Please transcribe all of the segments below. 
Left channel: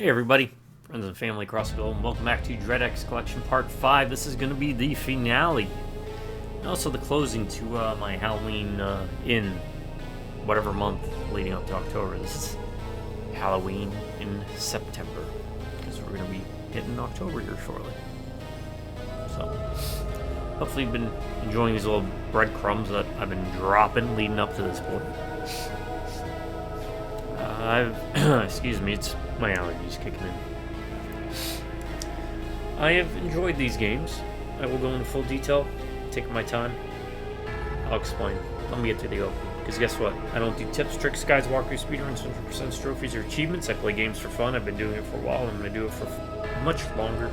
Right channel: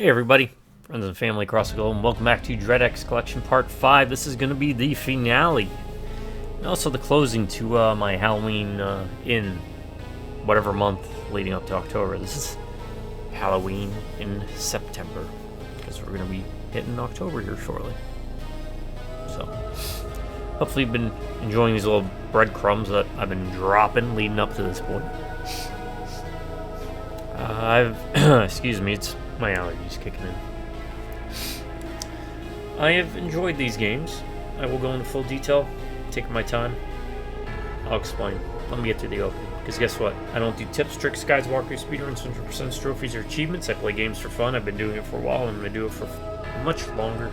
Hey everybody, friends and family across the globe, and welcome back to Dread X Collection Part 5. This is going to be the finale, and also the closing to my Halloween in whatever month leading up to October. This is Halloween in September, because we're going to be hitting October here shortly. So, hopefully you've been enjoying these little breadcrumbs that I've been dropping leading up to this point. Excuse me, it's my allergies kicking in. I have enjoyed these games. I will go into full detail, taking my time. I'll explain. Let me get through the opening. Because guess what? I don't do tips, tricks, guides, walkthroughs, speedruns, 100% trophies, or achievements. I play games for fun. I've been doing it for a while. I'm going to do it for much longer.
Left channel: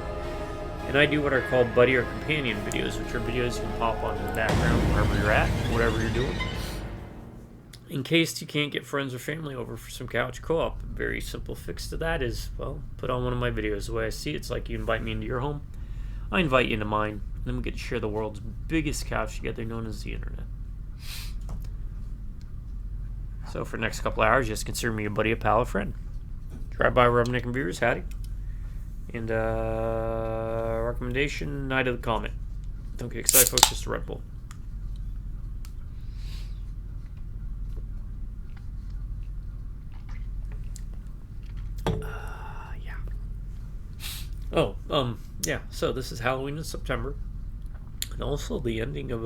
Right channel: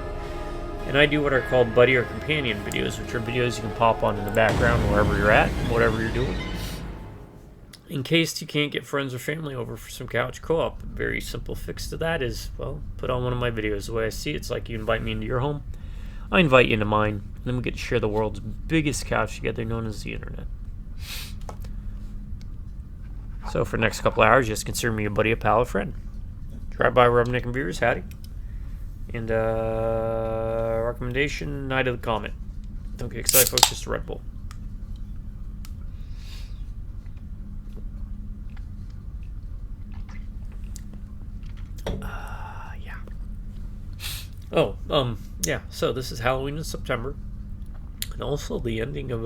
And I do what are called buddy or companion videos, which are videos you can pop on in the background wherever you're at, whatever you're doing. In case you can't get friends or family over for some couch co-op, a very simple fix to that is, well, put on one of my videos. The way I see it, it's like you invite me into your home, I invite you into mine, and then we get to share the world's biggest couch together, known as the internet. So for the next couple hours, just consider me a buddy, a pal, a friend. Drive by, rub, neck, and beers, howdy. And recommendation, Night of the Comet. Don't get excited, folks, just a Red Bull. Yeah, so this is Halloween in September, and also the ending of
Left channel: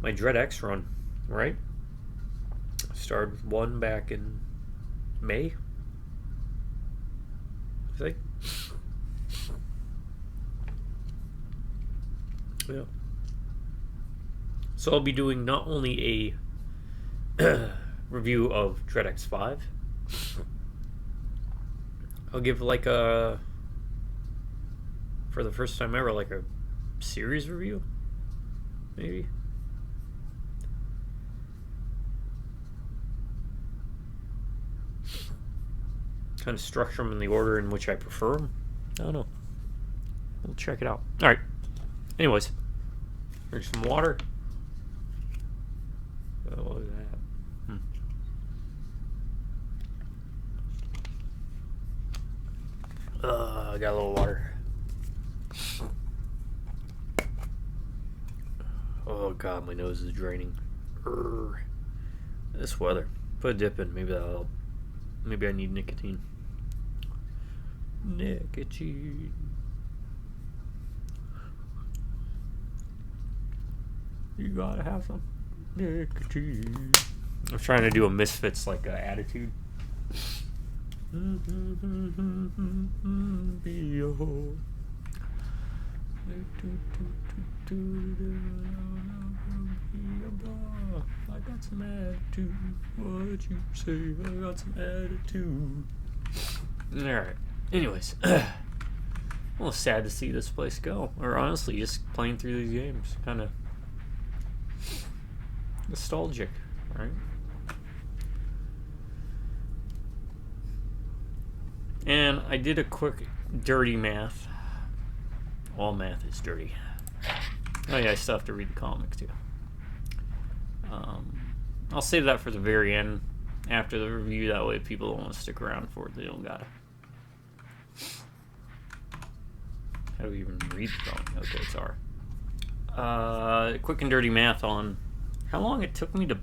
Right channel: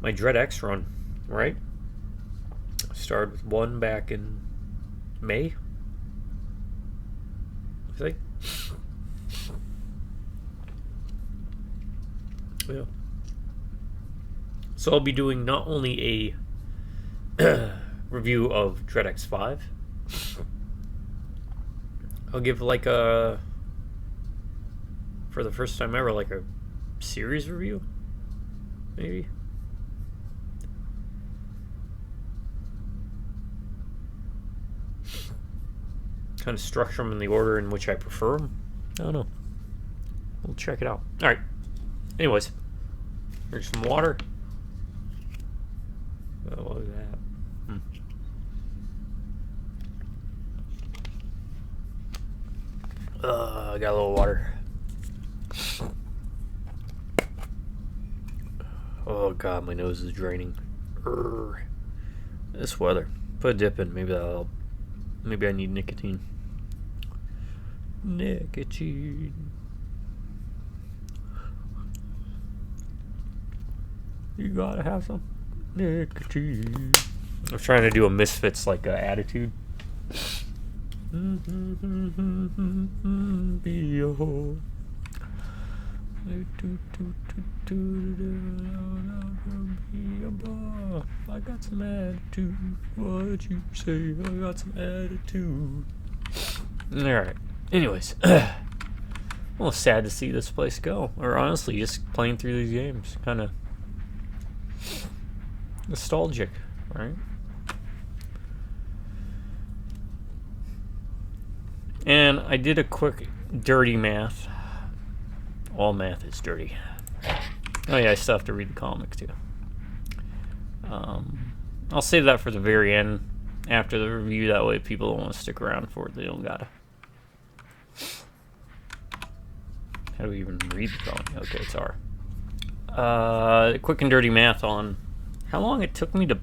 my Dread X run, right? I started with one back in May, I think. Yeah. So I'll be doing not only a review of Dread X 5, I'll give like a, for the first time ever, like a series review, maybe. Kind of structure them in the order in which I prefer them. I don't know. We'll check it out. All right. Anyways, here's some water. Oh, what was that? I got a little water. Oh god, my nose is draining. This weather. Put a dip in. Maybe that'll help. Maybe I need nicotine. Nicotine. You gotta have some nicotine. I was trying to do a Misfits like attitude. I got some attitude. What you say? I got some attitude. Alright. Anyways. Well, sad to see this place go. Or honestly, just playing through these games. Kind of nostalgic, right? And I did a quick dirty math. All math is dirty. Oh yeah, I still have to read the comic too. I'll save that for the very end, after the review. That way people don't want to stick around for it. They don't gotta. How do we even read the comic? Okay, it's R. Quick and dirty math on how long it took me to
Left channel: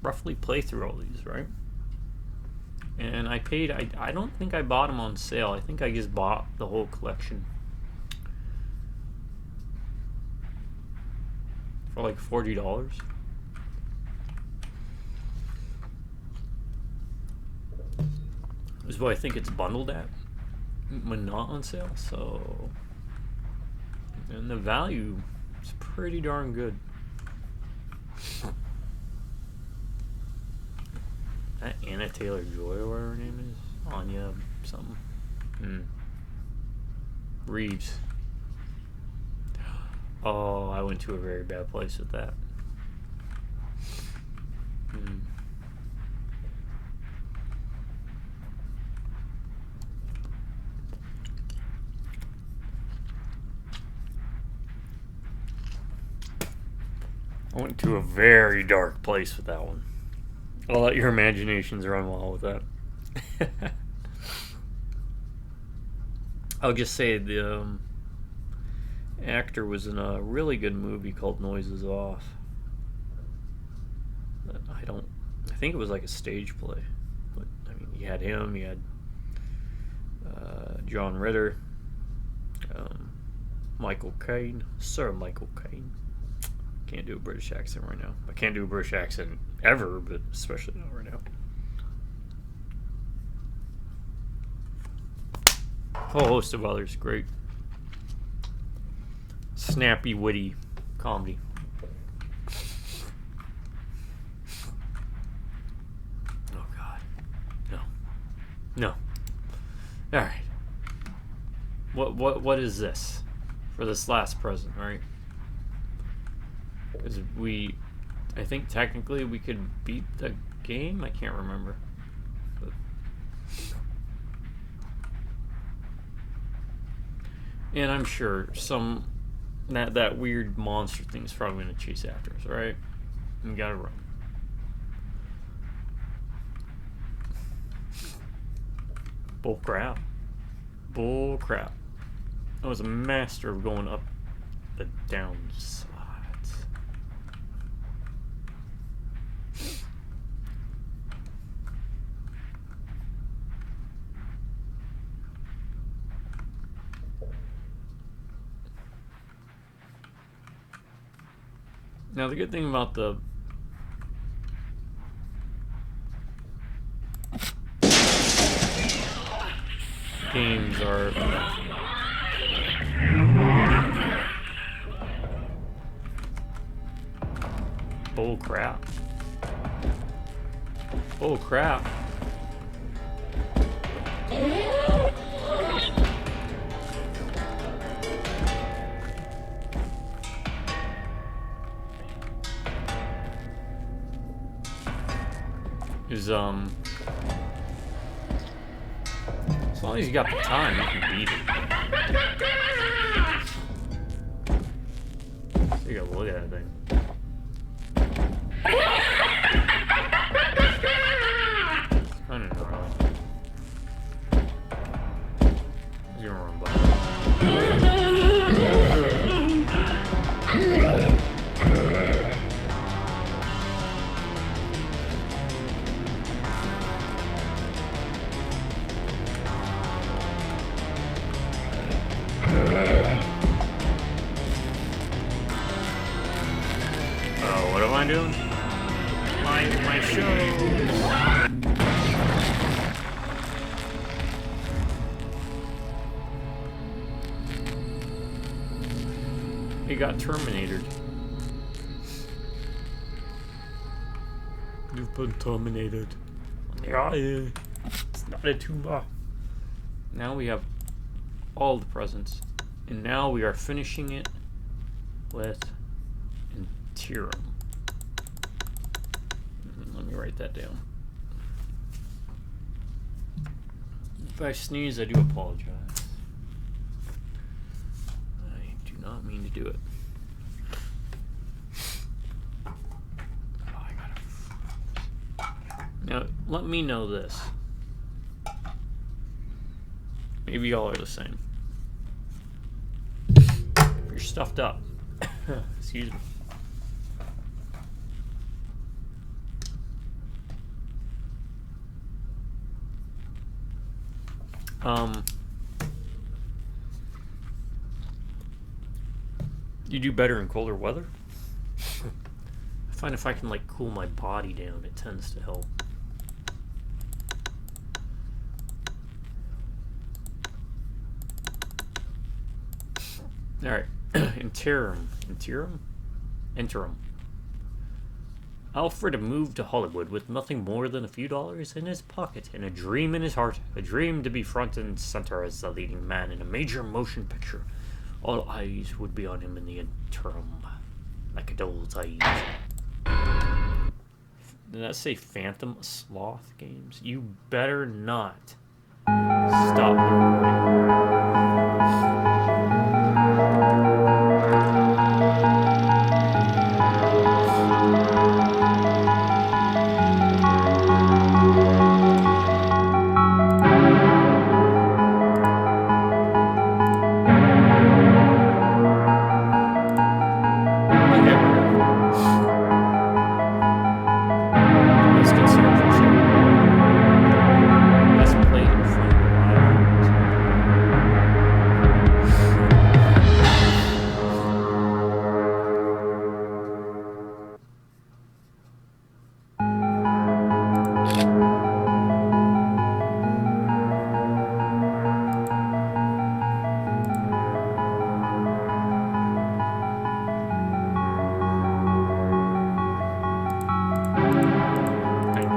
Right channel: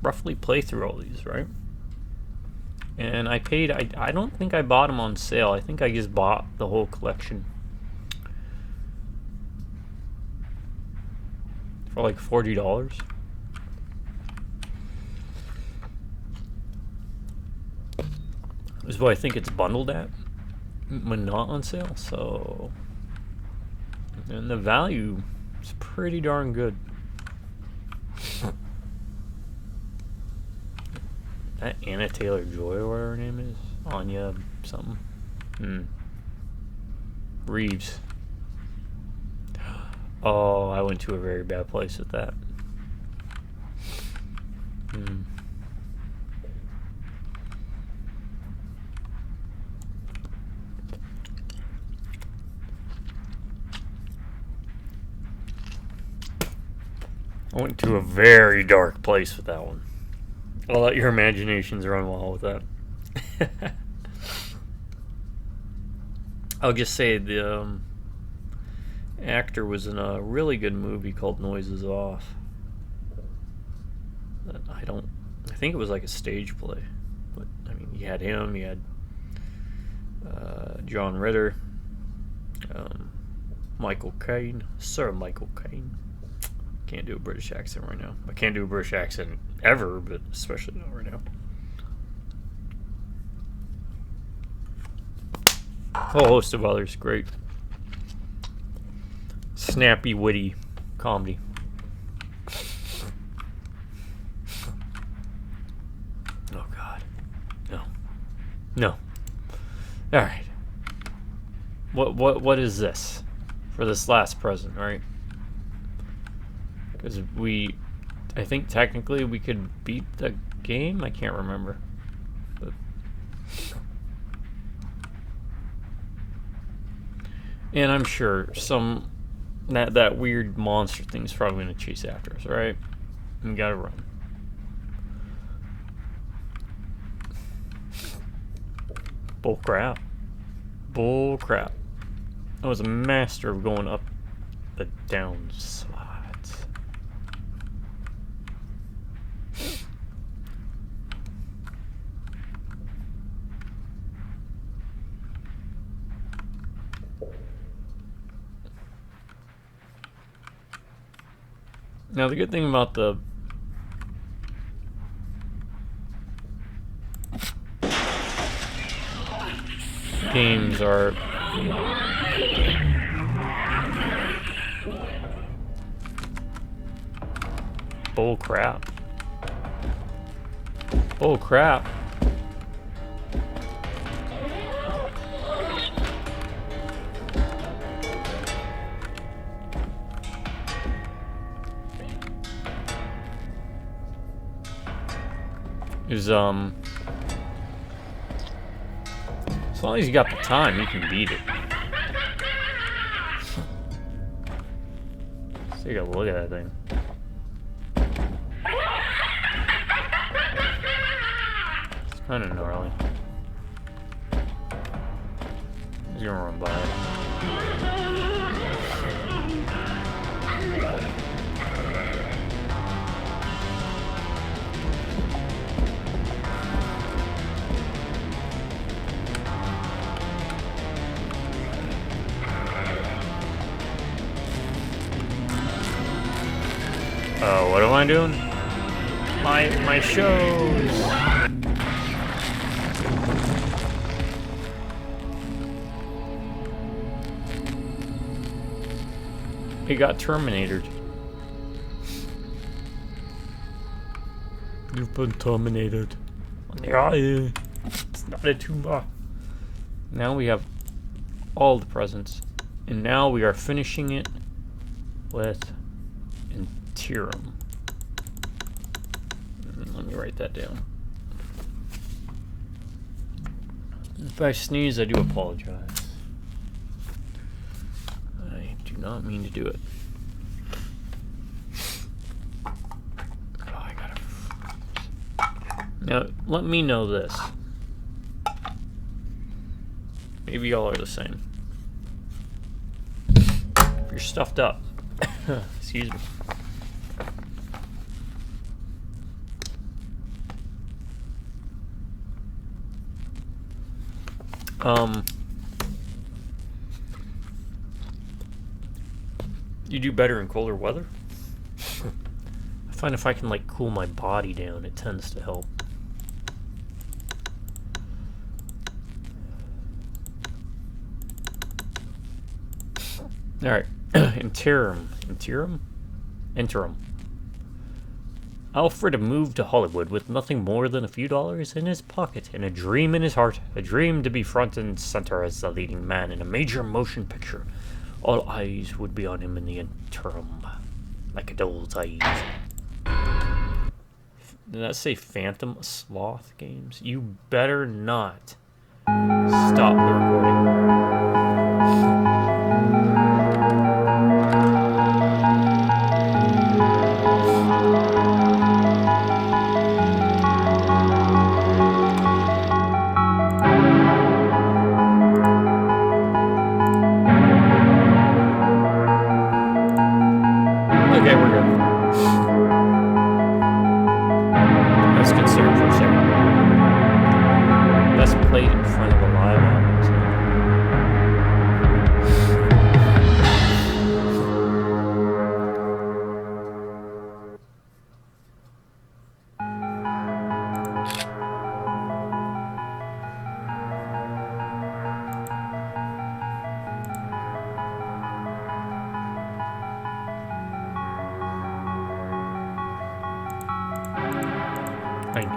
roughly play through all these, right? And I paid, I don't think I bought them on sale. I think I just bought the whole collection for like $40. Is what I think it's bundled at when not on sale. So, and the value is pretty darn good. That Anna Taylor-Joy, or whatever her name is, Anya something. Reeves. Oh, I went to a very bad place with that. I went to a very dark place with that one. I'll let your imaginations run wild with that. I'll just say the actor was in a really good movie called Noises Off. I think it was like a stage play. But, I mean, you had him, you had John Ritter, Michael Caine, Sir Michael Caine. Can't do a British accent right now. I can't do a British accent ever, but especially not right now. A whole host of others. Great. Snappy, witty comedy. Oh, God. No. No. All right. What is this for this last present, right? Because I think technically we could beat the game. I can't remember. But and I'm sure that weird monster thing's probably gonna chase after us, right? We gotta run. Bull crap. Bull crap. I was a master of going up the down slides. Now the good thing about the games are bull crap. Bull crap. Is as long as you got the time, you can beat it. Let's take a look at that thing. It's kind of gnarly. He's gonna run by it. Oh, what am I doing? My shows. He got terminated. You've been terminated. Yeah, it's not a tumor. Now we have all the presents, and now we are finishing it with Interim. Let me write that down. If I sneeze, I do apologize. I do not mean to do it. Oh, I gotta. Now, let me know this. Maybe y'all are the same. If you're stuffed up, excuse me. You do better in colder weather? I find if I can like cool my body down, it tends to help. Alright. Interim. Alfred moved to Hollywood with nothing more than a few dollars in his pocket and a dream in his heart. A dream to be front and center as the leading man in a major motion picture. All eyes would be on him in the interim, like a doll's eyes. Did that say Phantom Sloth Games? You better not stop the recording. plate in front of a live audience.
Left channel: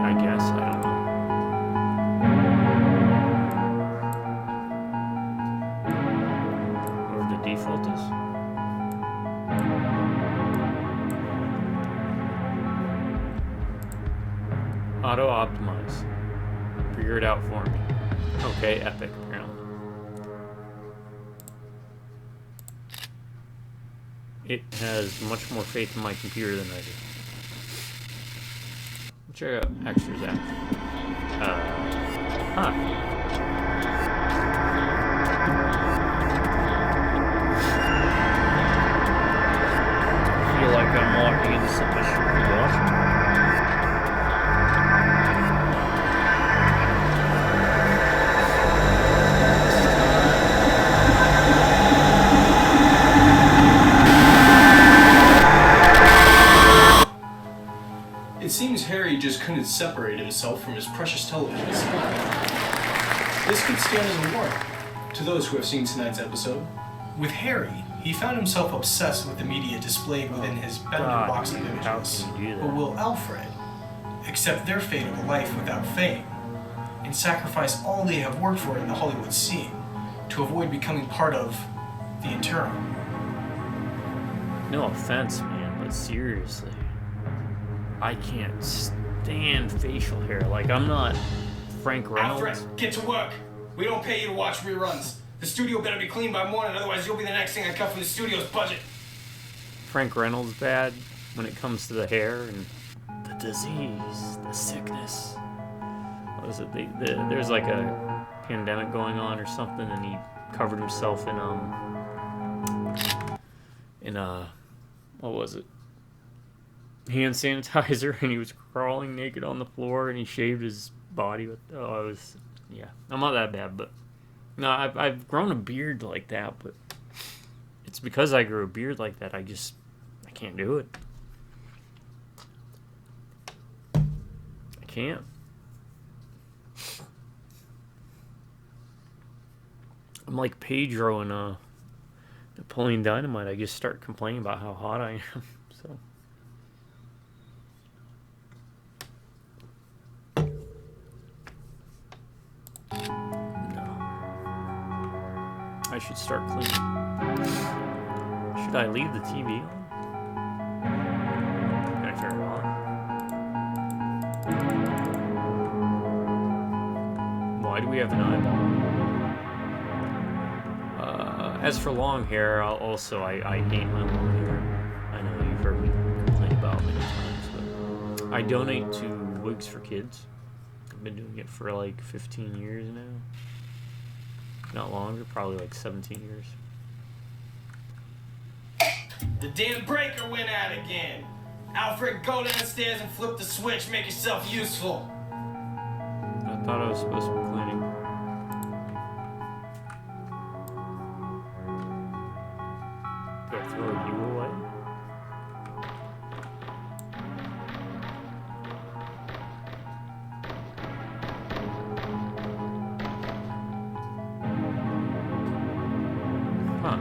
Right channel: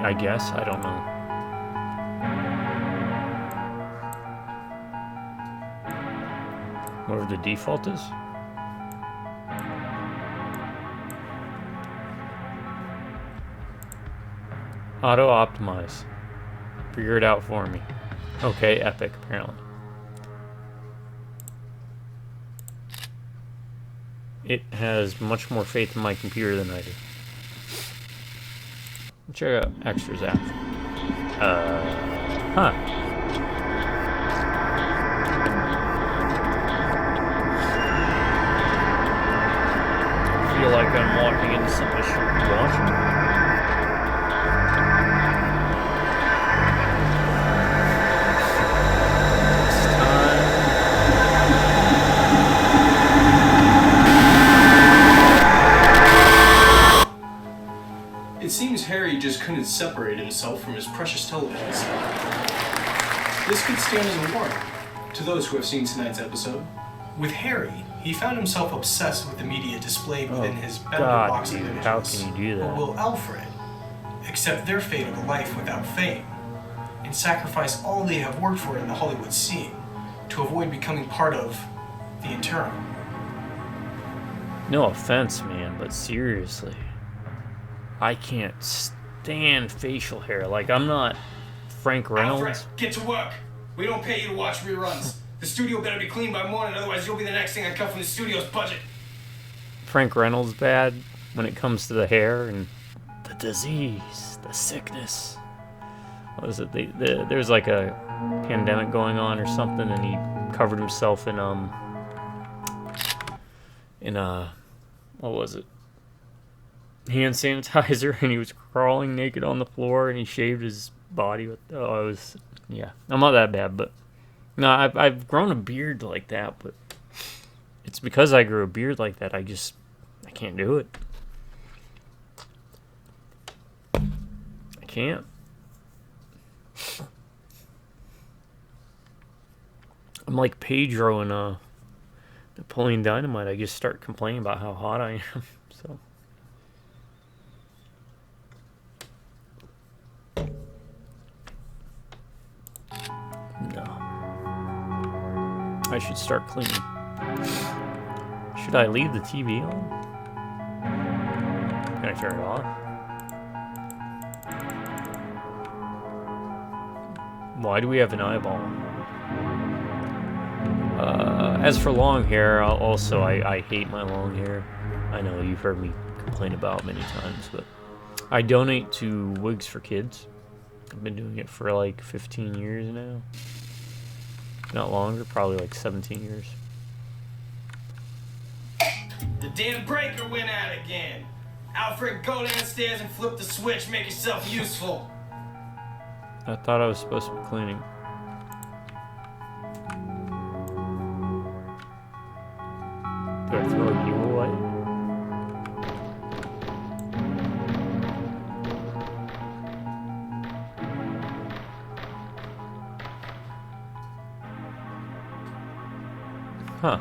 I guess, I don't know. Whatever the default is. Auto optimize. Figure it out for me. Okay, epic, apparently. It has much more faith in my computer than I do. Check out extras app. Huh. I feel like I'm walking into something I shouldn't be watching. It seems Harry just couldn't separate himself from his precious television set. This could stand as a warning to those who have seen tonight's episode. With Harry, he found himself obsessed with the media displayed within his bender box of images. How can you do that? But will Alfred accept their fate of a life without fame and sacrifice all they have worked for in the Hollywood scene to avoid becoming part of the internal? No offense, man, but seriously. I can't stand facial hair. Like, I'm not Frank Reynolds. Alfred, get to work. We don't pay you to watch reruns. The studio better be clean by morning, otherwise you'll be the next thing I cut from the studio's budget. Frank Reynolds bad when it comes to the hair and the disease, the sickness. What is it? There's like a pandemic going on or something, and he covered himself in what was it? Hand sanitizer, and he was crawling naked on the floor, and he shaved his body with. I'm not that bad, but no, I've grown a beard like that, but it's because I grew a beard like that. I can't do it. I can't. I'm like Pedro in Napoleon Dynamite. I just start complaining about how hot I am. So. I should start cleaning. Should I leave the TV on? Can I turn it off? Why do we have an eyeball? As for long hair, I hate my long hair. I know you've heard me complain about it many times, but I donate to Wigs for Kids. I've been doing it for like 15 years now. Not longer, probably like 17 years. The damn breaker went out again. Alfred, go downstairs and flip the switch. Make yourself useful. I thought I was supposed to be cleaning. Do I throw you away? Huh.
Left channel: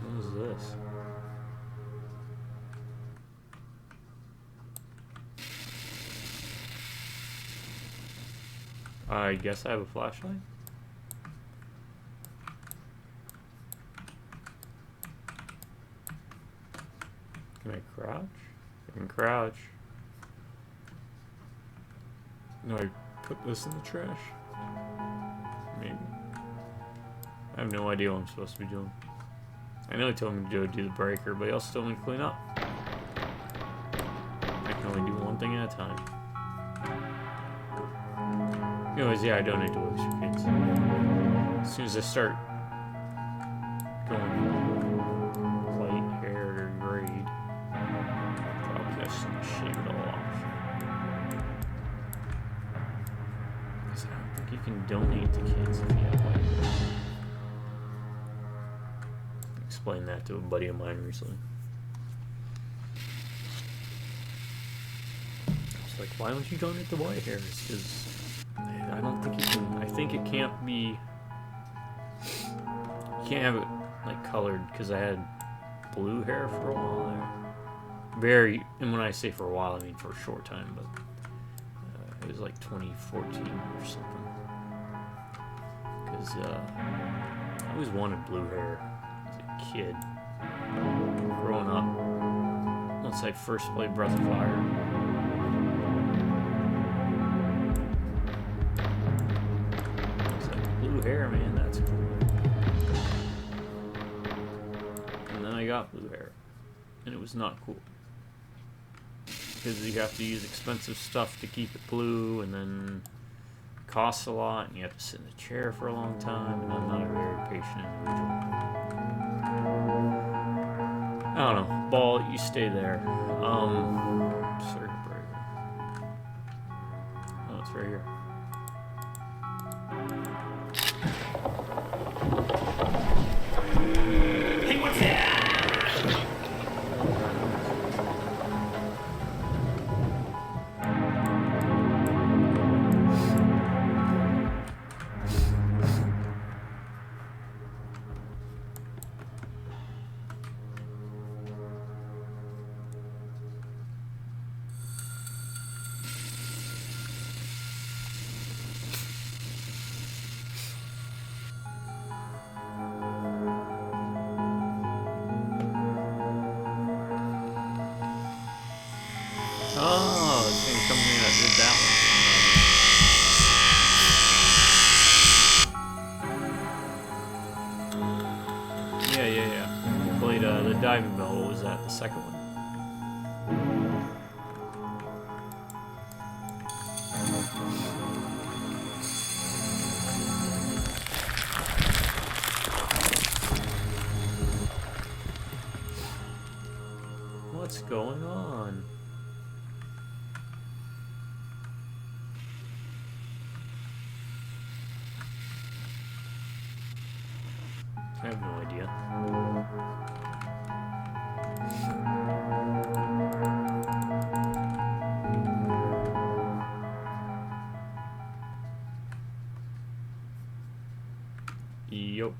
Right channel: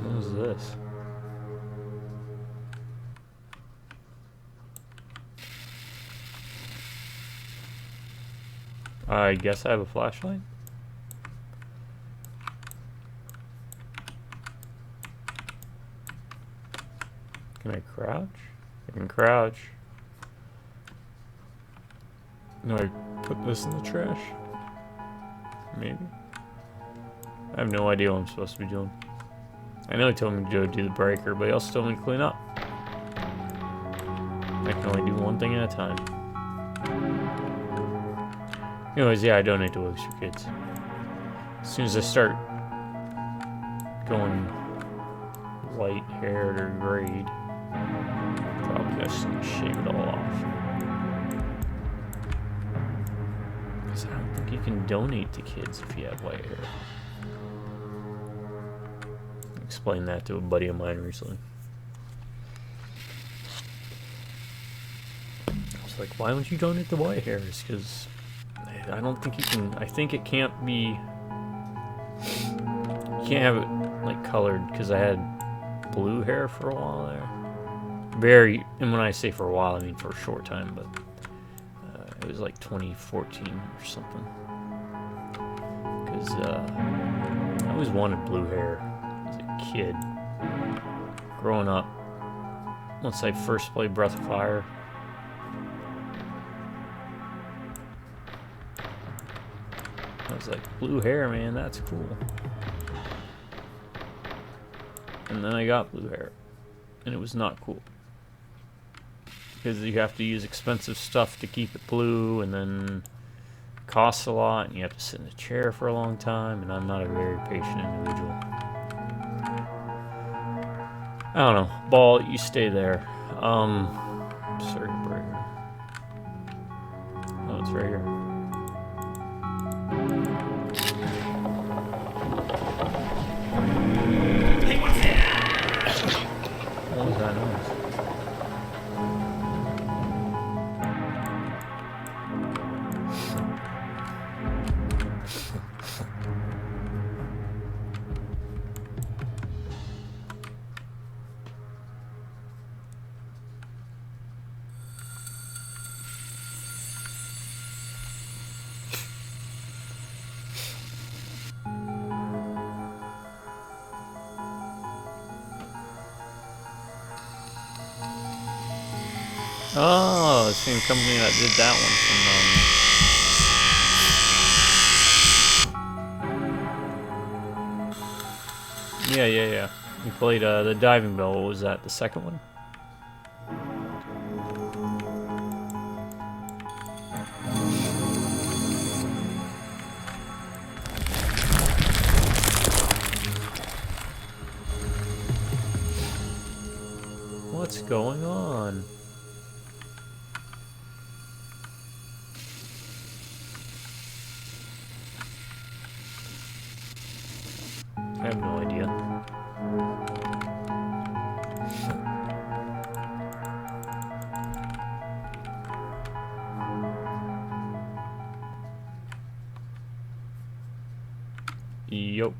What is this? I guess I have a flashlight. Can I crouch? I can crouch. No, I put this in the trash. Maybe. I have no idea what I'm supposed to be doing. I know he told me to go do the breaker, but he also told me to clean up. I can only do one thing at a time. Anyways, yeah, I donate to Wigs for Kids. As soon as I start going white-haired or grayed, just shave it all off. Because I don't think you can donate to kids if you have white hair. I explained that to a buddy of mine recently. I was like, why don't you donate the white hairs? Because I don't think you can. I think it can't be. You can't have it like colored, because I had blue hair for a while there. And when I say for a while, I mean for a short time, but it was like 2014 or something. Because I always wanted blue hair as a kid. Growing up, once I first played Breath of Fire, I was like, blue hair, man, that's cool. And then I got blue hair, and it was not cool. Because you have to use expensive stuff to keep it blue, and then it costs a lot, and you have to sit in a chair for a long time, and I'm not a very patient individual. I don't know. Ball, you stay there. Circuit breaker. Oh, it's right here. Hey, what's that? Oh, God knows. Oh, the same company that did that one. Yeah. We played the Diving Bell. What was that? The second one? What's going on? I have no idea. Yup.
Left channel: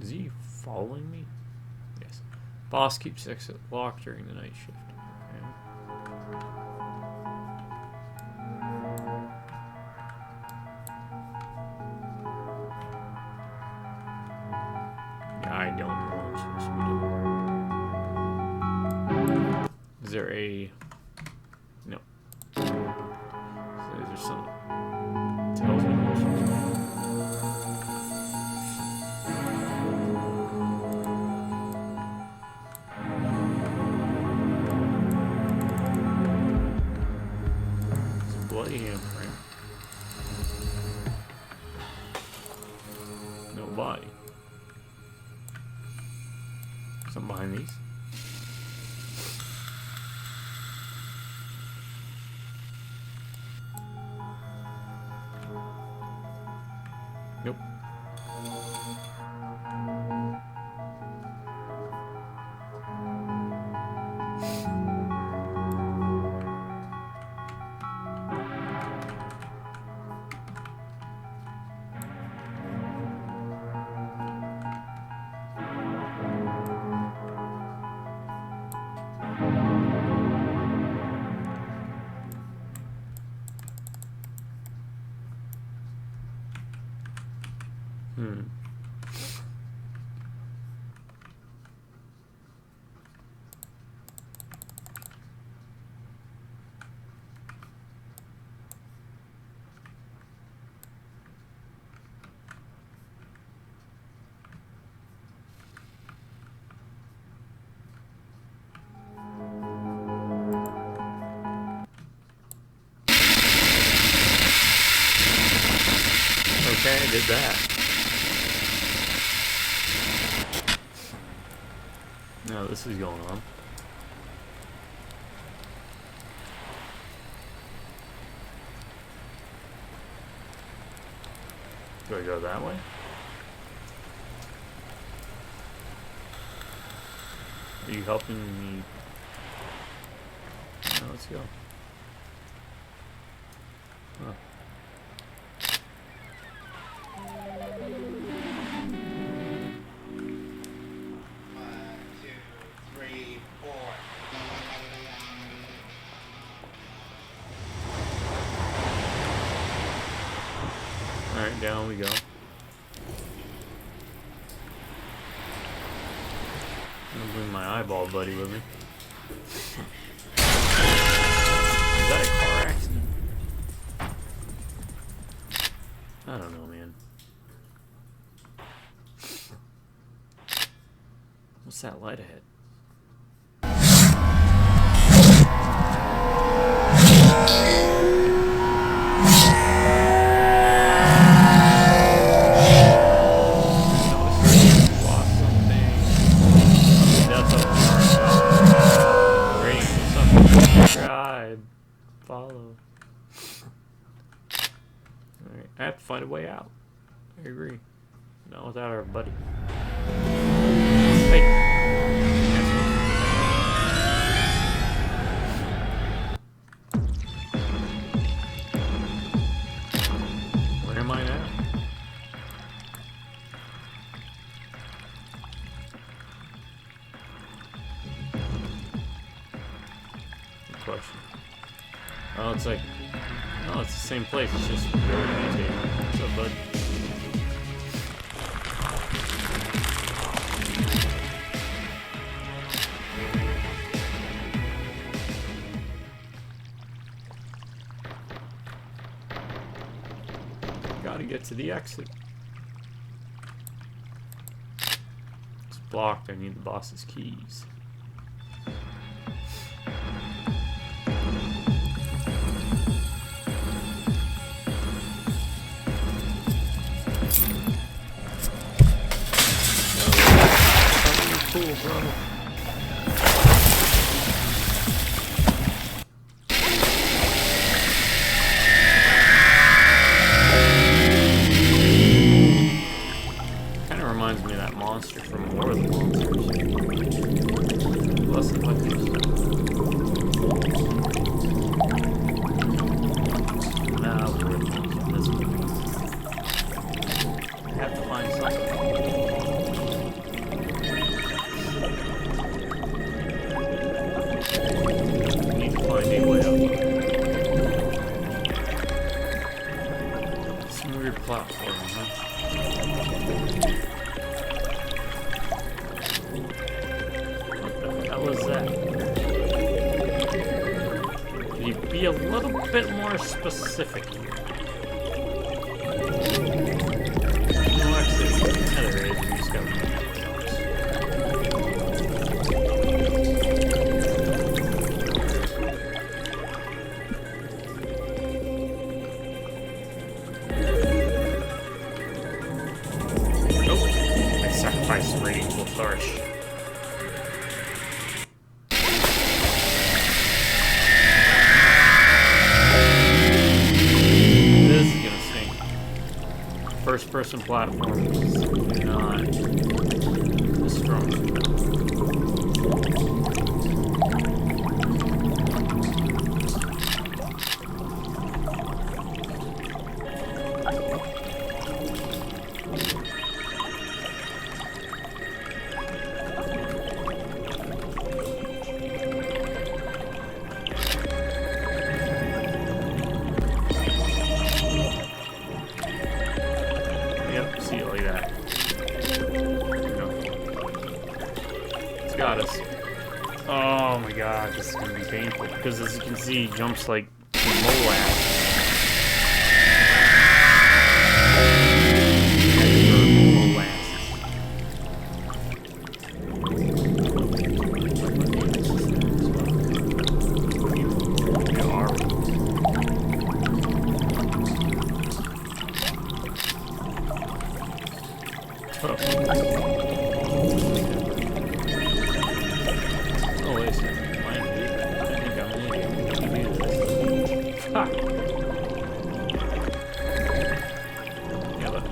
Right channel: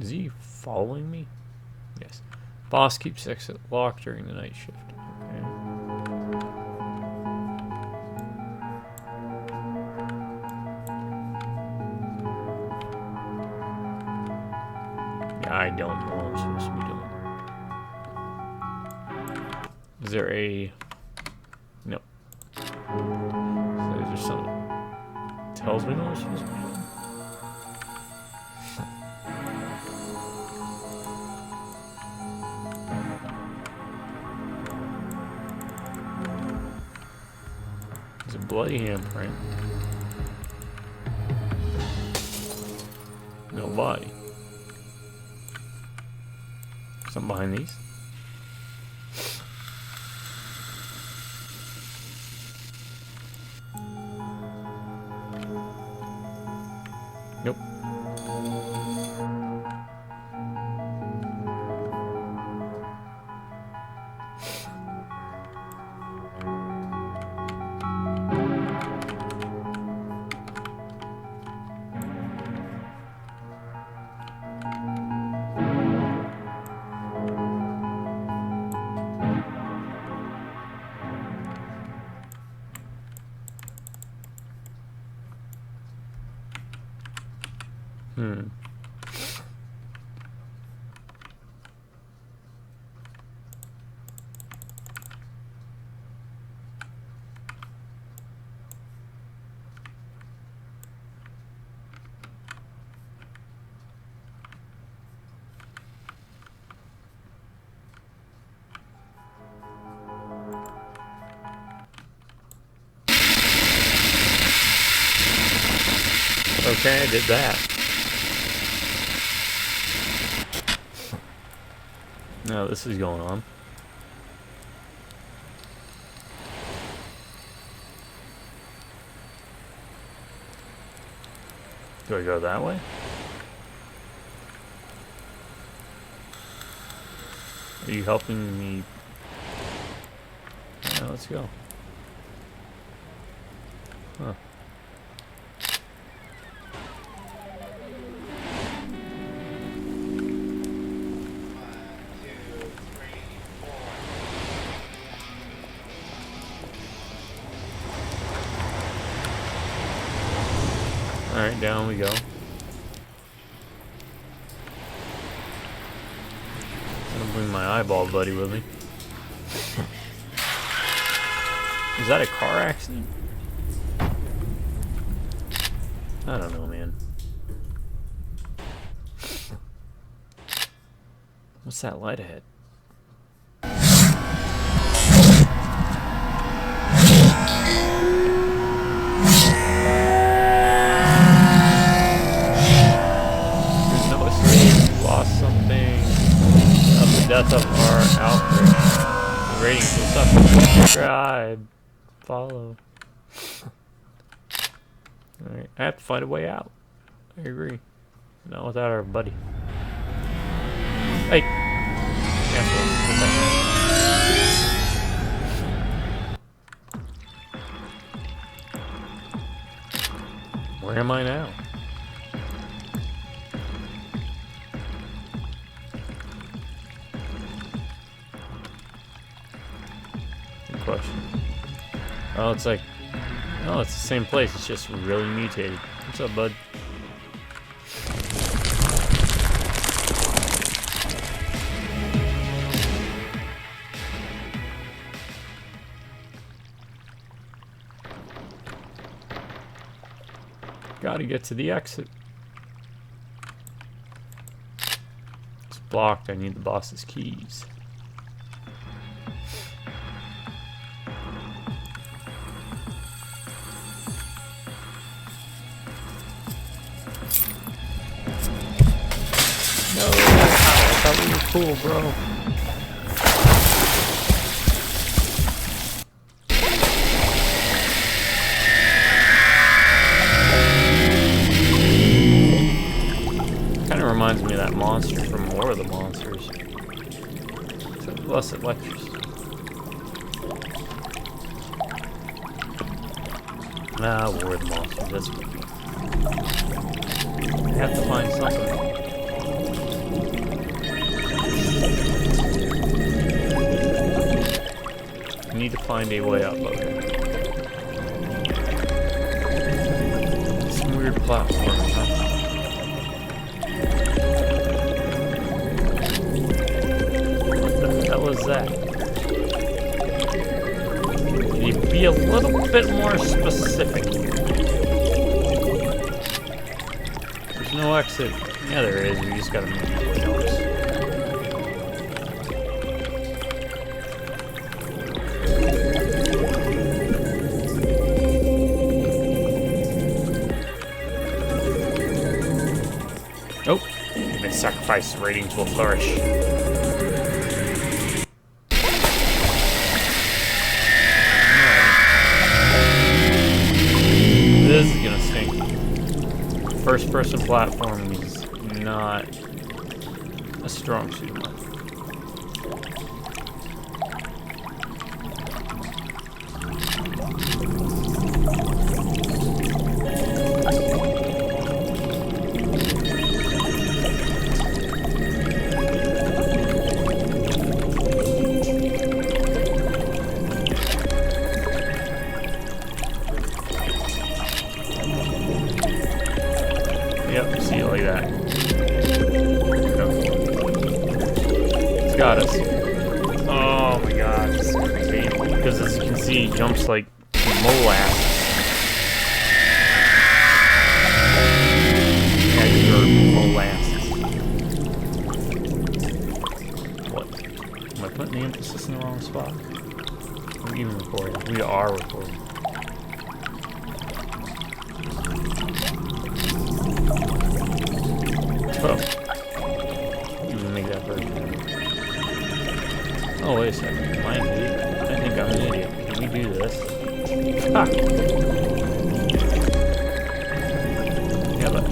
Is he following me? Yes. Boss keeps exit locked during the night shift. Okay. Yeah, I don't know what I'm supposed to be doing. Is there a... No. So is there something that tells me what I'm supposed to be doing? Bloody handprint. No body. Something behind these. Nope. Okay, I did that. No, this is going on. Do I go that way? Are you helping me? Yeah, let's go. Huh. Alright, down we go. I'm gonna bring my eyeball buddy with me. Is that a car accident? I don't know, man. What's that light ahead? Death of our outbreak. Rating goes up. Subscribe. Follow. Alright, I have to find a way out. I agree. Not without our buddy. Hey! Where am I now? Question. Oh, it's like, oh, it's the same place. It's just really mutated. What's up, bud? Gotta get to the exit. It's blocked. I need the boss's keys. Cool, bro. Kind of reminds me of that monster from War of the Monsters. The Blessed Lectures. Nah, War of the Monsters. That's good. I have to find something. Need to find a way out though. Some weird platform, huh? What the hell is that? Can you be a little bit more specific here? There's no exit. Yeah, there is. We just gotta move the notes. Oh, I sacrificed ratings will flourish. This is gonna stink. First person platform is not a strong suit. Yep, see it like that. It's got us. Oh my god, this is gonna be painful because as you can see, he jumps like molasses. Molasses. What? Am I putting the emphasis in the wrong spot? What are you recording? We are recording. Oh. Didn't make that work. Oh, wait a second. Am I an idiot? I think I'm an idiot. Let me do this. Ha! Yeah, but...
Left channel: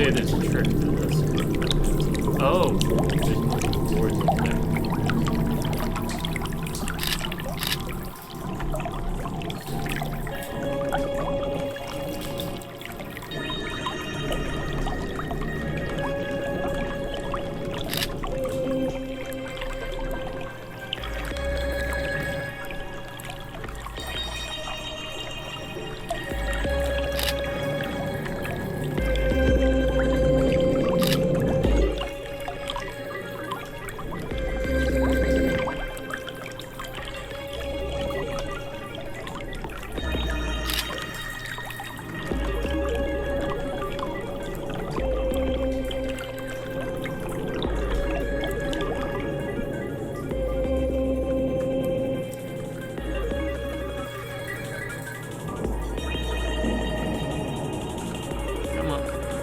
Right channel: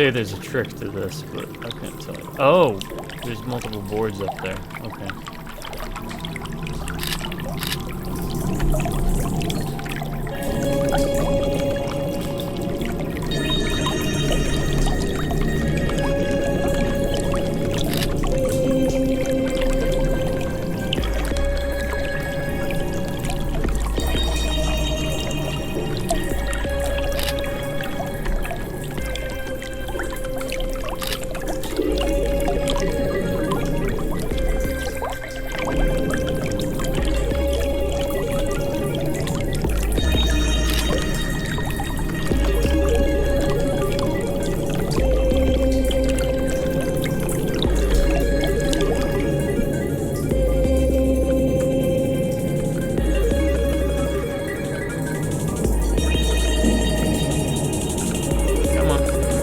say there's a trick to this, but I can't tell. Oh, there's multiple boards up there. Okay.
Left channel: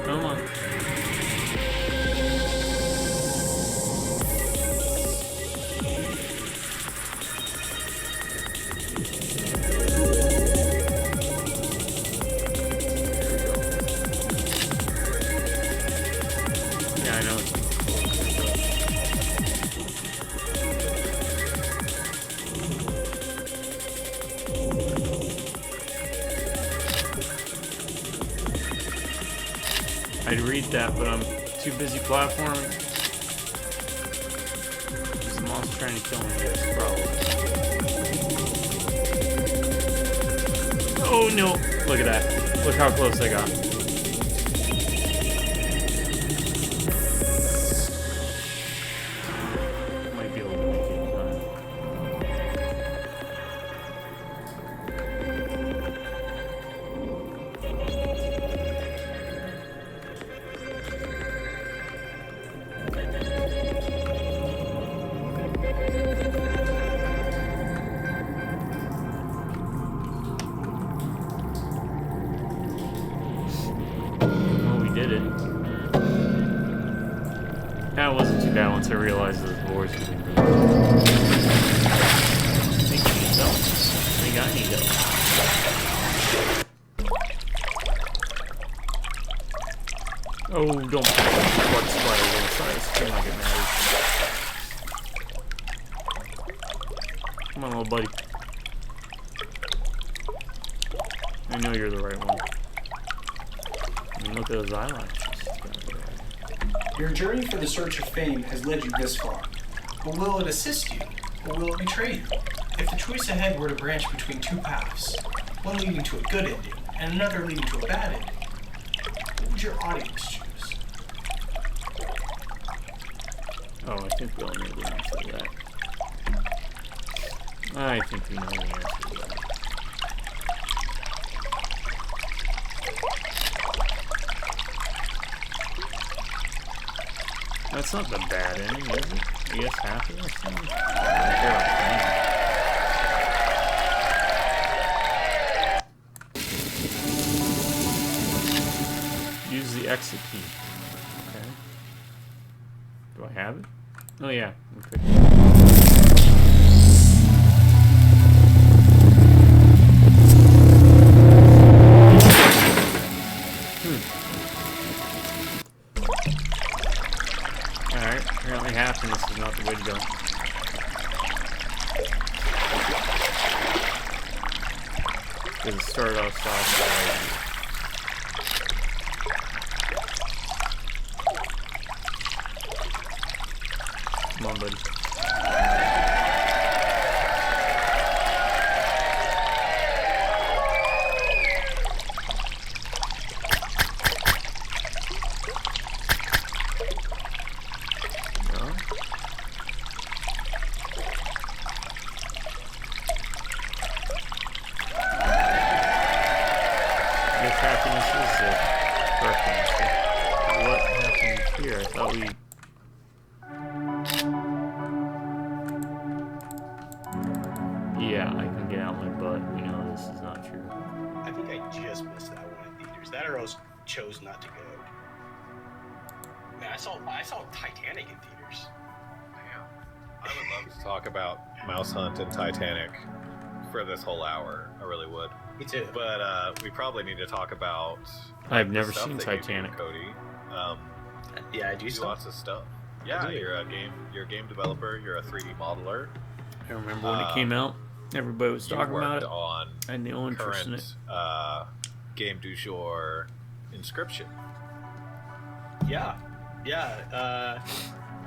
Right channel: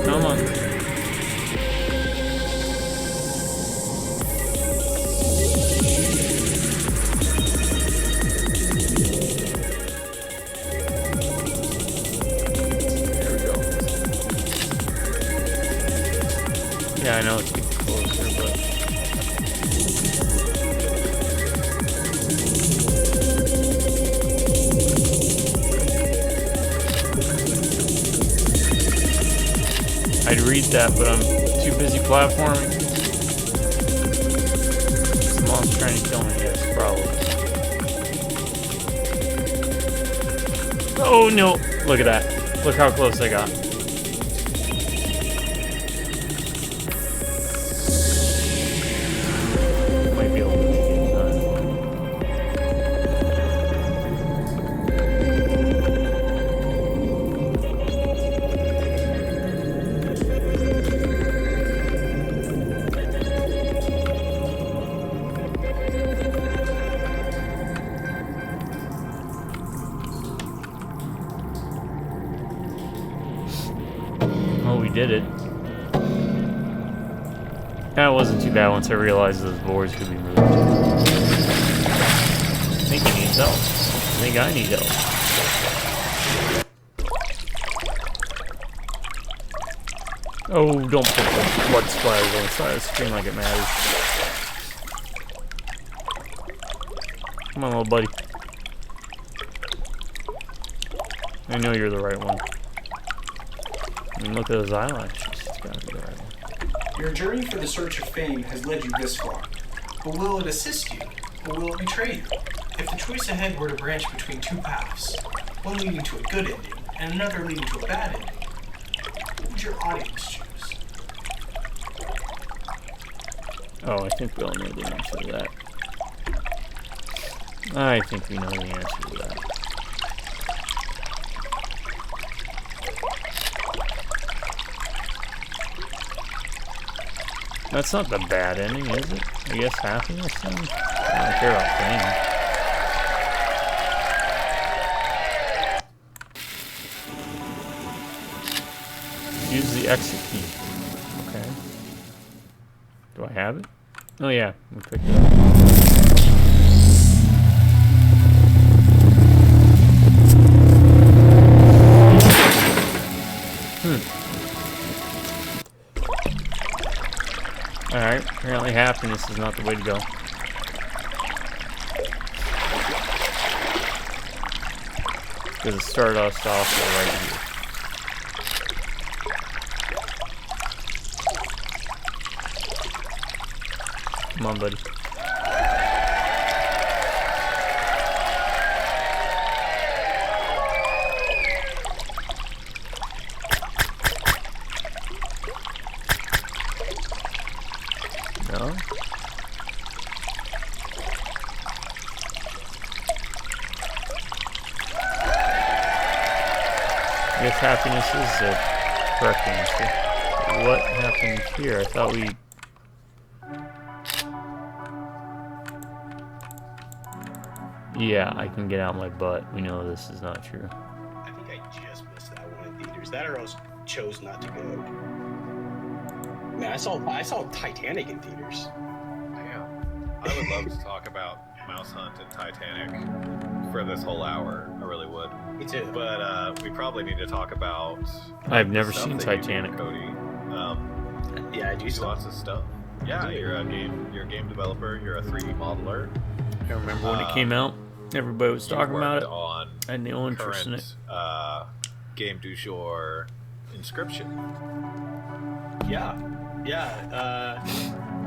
Come on. Yeah, I know it's closer, but... I'd read that, but I'm too busy platforming. Is the monster trying to kill me? Yes, probably. Oh no! Look at that. Look how close I got. Might be able to make it in time. Did it. That wasn't too bad once I realized those boards could be moved. I think he needs help. I think I need help. Oh, don't put blood splatters on the side of the screen like it matters. Come on, little buddy. I know you're the right one. I mean, look at those eyelashes. It's gotta be the right one. Your journey for the search of fame has led you this far. But will it assist you, or will it betray you? If the choice ahead were to branch between two paths, one leading to a good ending and another leading to a bad ending, what would your audience choose? Oh, I think we all know the answer to that. I think we know the answer to that. That's not the bad ending, is it? I guess happiness then? I don't care about fame. Use the exit key. Okay. Do I have it? Oh yeah, we picked it up. Alright, apparently happiness is not the way to go. Because it started us off right here. Come on, buddy. happiness is the correct answer. What happened here? I thought we... Yeah, I can get out my butt. We know this is not true. I think I just missed that one in theaters. That or else chose not to go. Man, I saw Titanic in theaters. Damn. I would love to talk about Mouse Hunt and Titanic for this whole hour. I really would. Me too. But we probably need to talk about. I've never stuff seen that you do, Titanic. Cody. Yeah, I do You do stuff. lots of stuff. Yeah, you're a game developer. You're a 3D modeler. I remember when it came out. Everybody was talking about it. On I had no interest in it. Game du jour, Inscription. Yeah.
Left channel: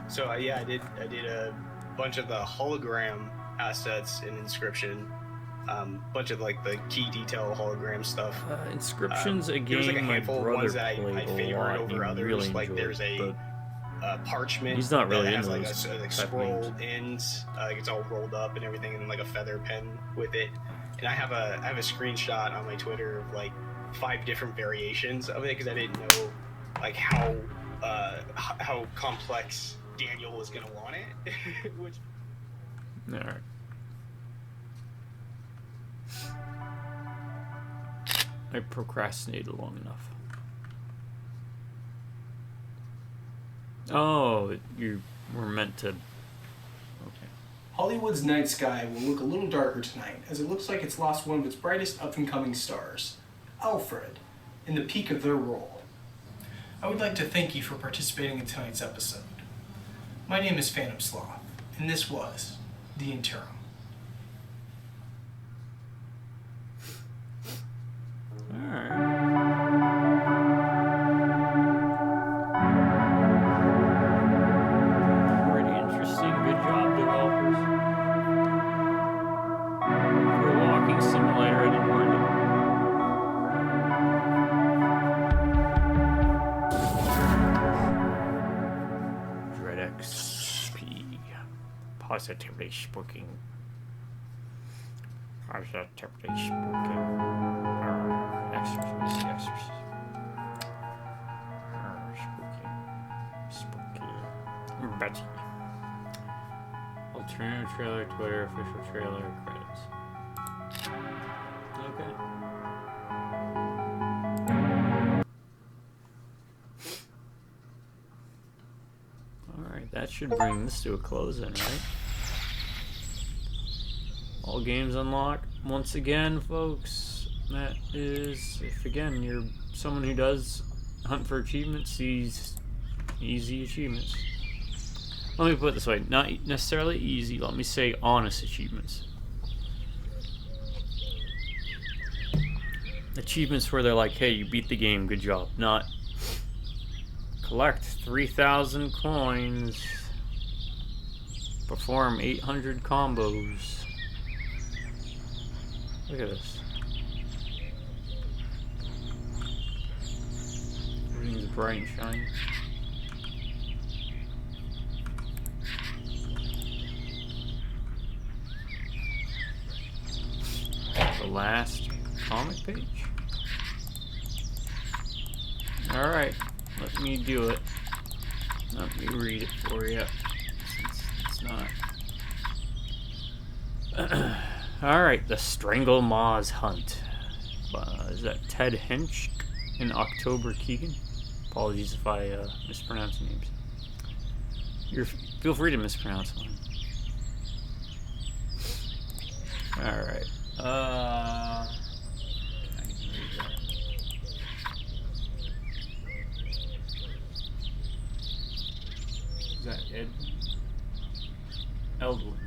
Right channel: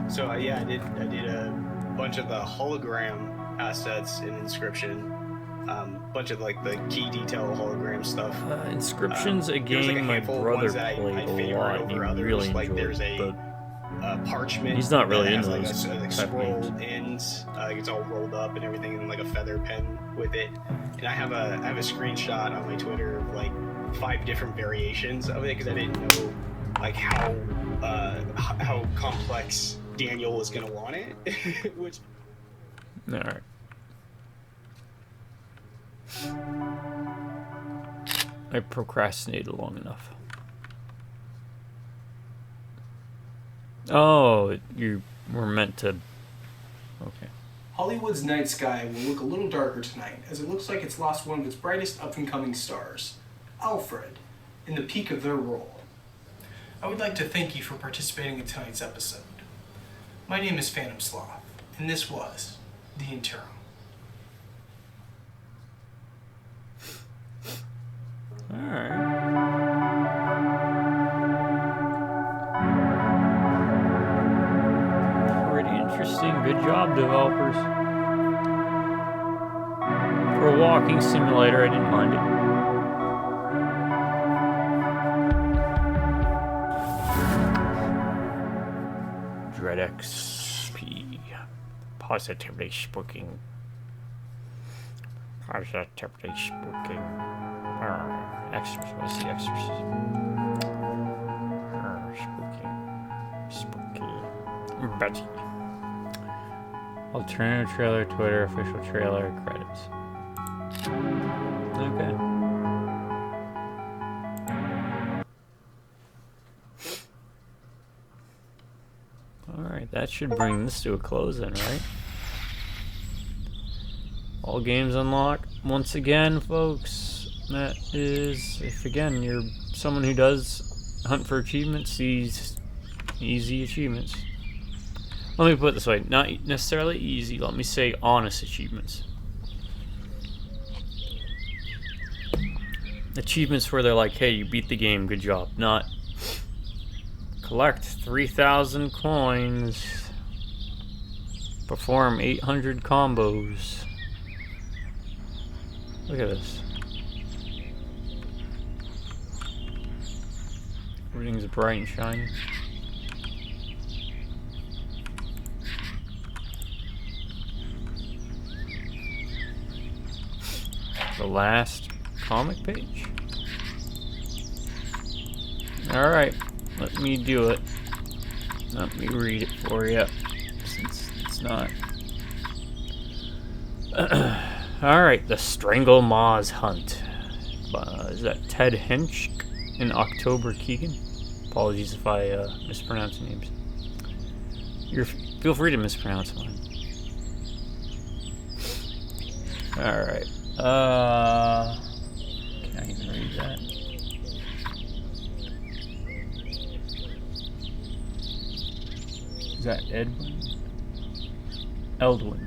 So I did a bunch of the hologram assets in Inscription. Bunch of like the key detail hologram stuff. Inscription's a There was, like, game a my handful of brother ones that I played a favored lot. over He others. really Like enjoyed there's it, a parchment. he's not really that has into like those a type of scroll games. ends. It's all rolled up and everything, and like a feather pen with it. And I have a screenshot on my Twitter of like 5 different variations of it because I didn't know like how complex Daniel was gonna want it. Which All right. I procrastinated long enough. Oh, you were meant to... Okay. Hollywood's night sky will look a little darker tonight, as it looks like it's lost one of its brightest up-and-coming stars, Alfred, in the peak of their role. I would like to thank you for participating in tonight's episode. My name is Phantom Sloth, and this was The Interim. Alright. Pretty interesting. Good job, developers. For a walking simulator, I didn't mind it. Dread XP. Positively speaking. Positively speaking. Exorcism. Let's see, exorcism. Spooky. Betty. Alternative trailer, Twitter, official trailer, credits. Okay. Alright, that should bring this to a close then, right? All games unlocked. Once again, folks, that is, if again you're someone who does hunt for achievements, these easy achievements. Let me put it this way, not necessarily easy, let me say honest achievements. Achievements where they're like, hey, you beat the game, good job. Not collect 3,000 coins, perform 800 combos. Look at this. Everything's bright and shiny. The last comic page. Alright, let me do it. Let me read it for you, since it's not. Alright, the Strangle Maws Hunt. Is that Ted Hench and October Keegan? Apologies if I mispronounce names. Feel free to mispronounce mine. Alright. Can I even read that? Is that Edwin? Eldwin.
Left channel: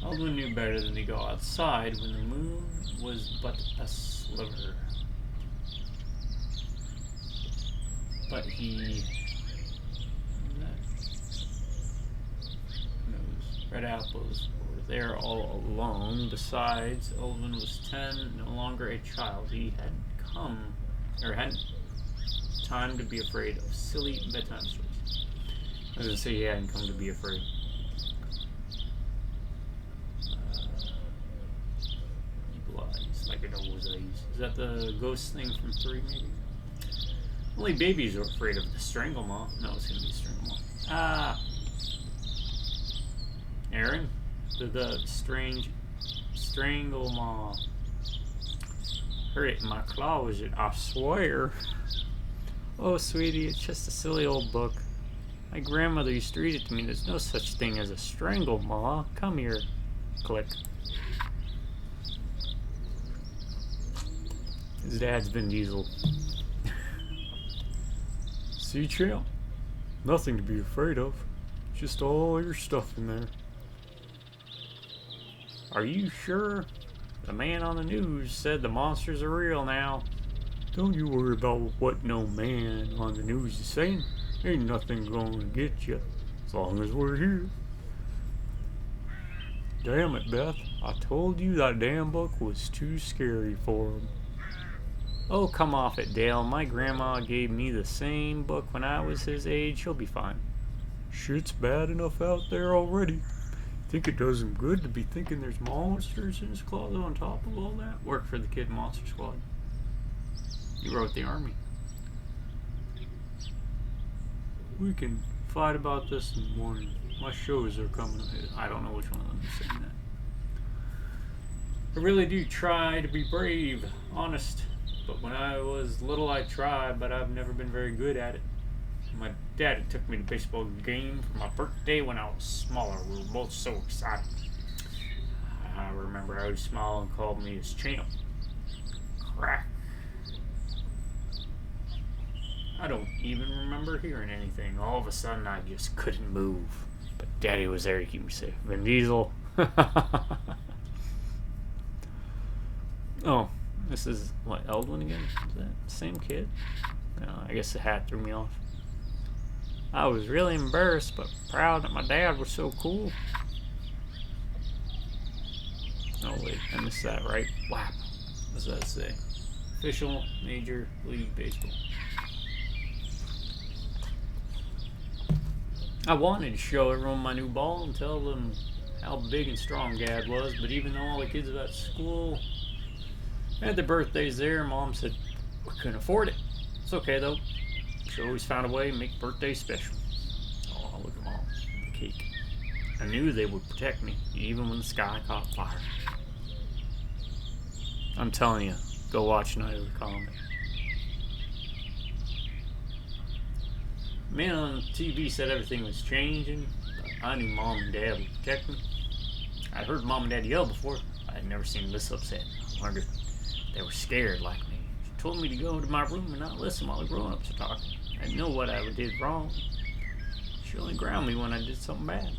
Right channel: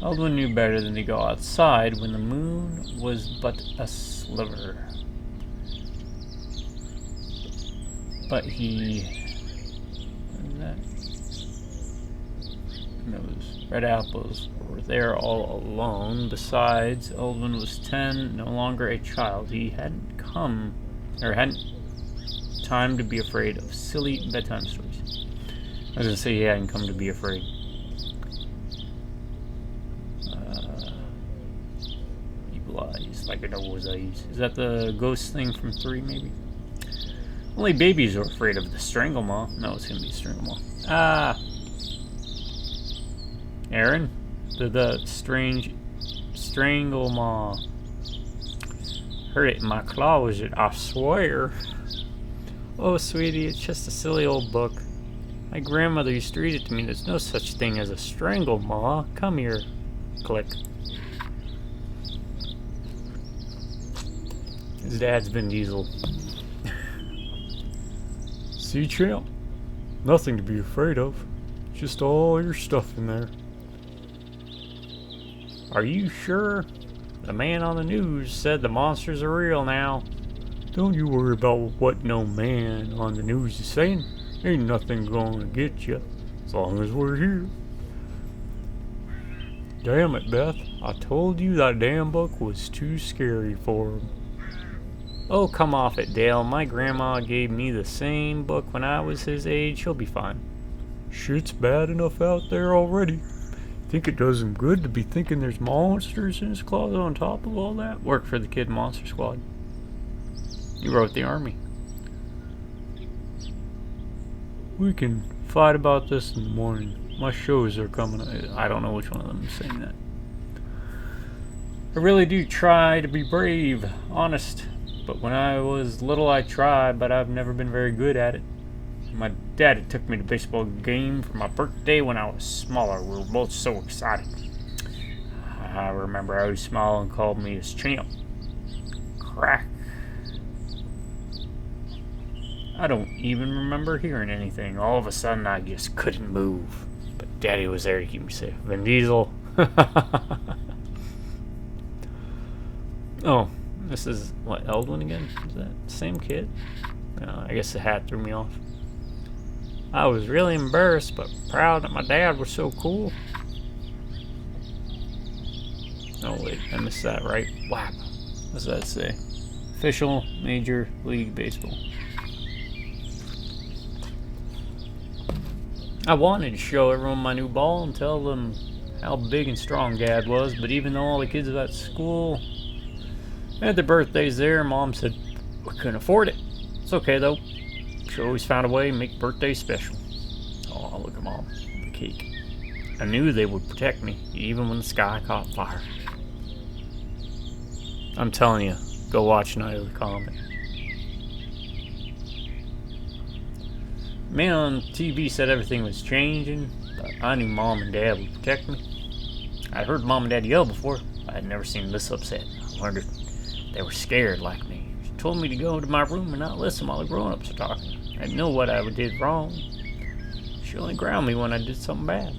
Eldwin knew better than to go outside when the moon was but a sliver. But he... What is that? Those red apples were there all alone. Besides, Eldwin was 10, no longer a child. He hadn't time to be afraid of silly bedtime stories. I was gonna say he hadn't come to be afraid. Evil eyes Like a nose eyes. Is that the ghost thing from 3, maybe? Only babies are afraid of the strangle maw. No, it's gonna be strangle maw. Ah! Aaron? The strange strangle maw. Heard it in my closet, I swear. Oh, sweetie, it's just a silly old book. My grandmother used to read it to me. There's no such thing as a strangle maw. Come here. Click. His dad's Vin Diesel. See, champ? Nothing to be afraid of. Just all your stuff in there. Are you sure? The man on the news said the monsters are real now. Don't you worry about what no man on the news is saying. Ain't nothing gonna get you, as long as we're here. Damn it, Beth. I told you that damn book was too scary for him. Oh, come off it, Dale. My grandma gave me the same book when I was his age. He'll be fine. Shit's bad enough out there already. Think it does him good to be thinking there's monsters in his closet on top of all that? Work for the Kid Monster Squad. You wrote the army. We can fight about this in the morning. My shows are coming. I don't know which one of them is saying that. I really do try to be brave, honest. But when I was little I tried, but I've never been very good at it. My daddy took me to a baseball game for my birthday when I was smaller. We were both so excited. I remember I was small and called me his champ. Crack. I don't even remember hearing anything. All of a sudden I just couldn't move. But Daddy was there to keep me safe. Vin Diesel. Oh, this is, what, Eldwin again? Is that the same kid? No, I guess the hat threw me off. I was really embarrassed, but proud that my dad was so cool. Oh wait, I missed that, right? WAP. What does that say? Official Major League Baseball. I wanted to show everyone my new ball and tell them how big and strong Dad was, but even though all the kids at school had their birthdays there, Mom said we couldn't afford it. It's okay though. She always found a way to make birthdays special. Oh, look at Mom. The cake. I knew they would protect me, even when the sky caught fire. I'm telling you, go watch Night of the Comet. Man on TV said everything was changing, but I knew Mom and Dad would protect me. I'd heard Mom and Dad yell before, but I'd never seen them this upset. I wondered if they were scared like me. She told me to go into my room and not listen while the grown-ups were talking. I didn't know what I did wrong. She only grounded me when I did something bad.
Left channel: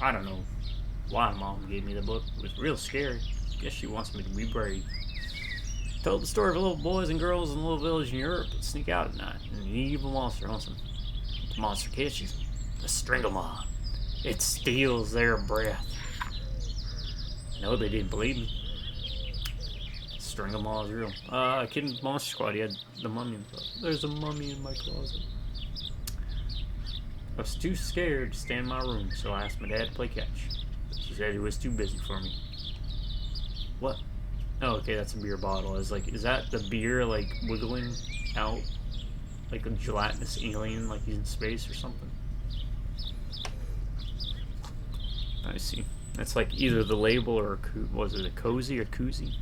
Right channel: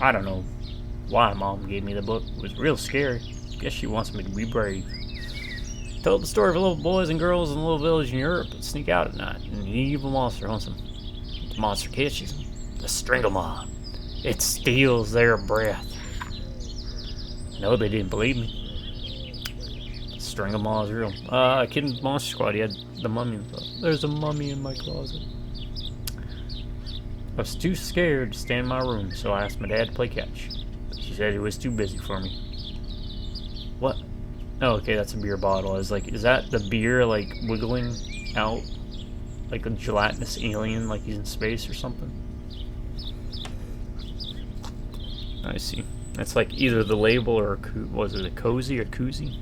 I don't know why Mom gave me the book. It was real scary. Guess she wants me to be brave. Told the story of little boys and girls in a little village in Europe that sneak out at night, and an evil monster hunts them. The monster catches them. The Stranglemoth. It steals their breath. No, they didn't believe me. Stranglemoth is real. Kid Monster Squad, he had the mummy in the closet. There's a mummy in my closet. I was too scared to stay in my room, so I asked my dad to play catch. She said he was too busy for me. What? Oh, okay, that's a beer bottle. I was like, is that the beer, like, wiggling out? Like a gelatinous alien, like he's in space or something? I see. That's like either the label or, was it a cozy or koozie?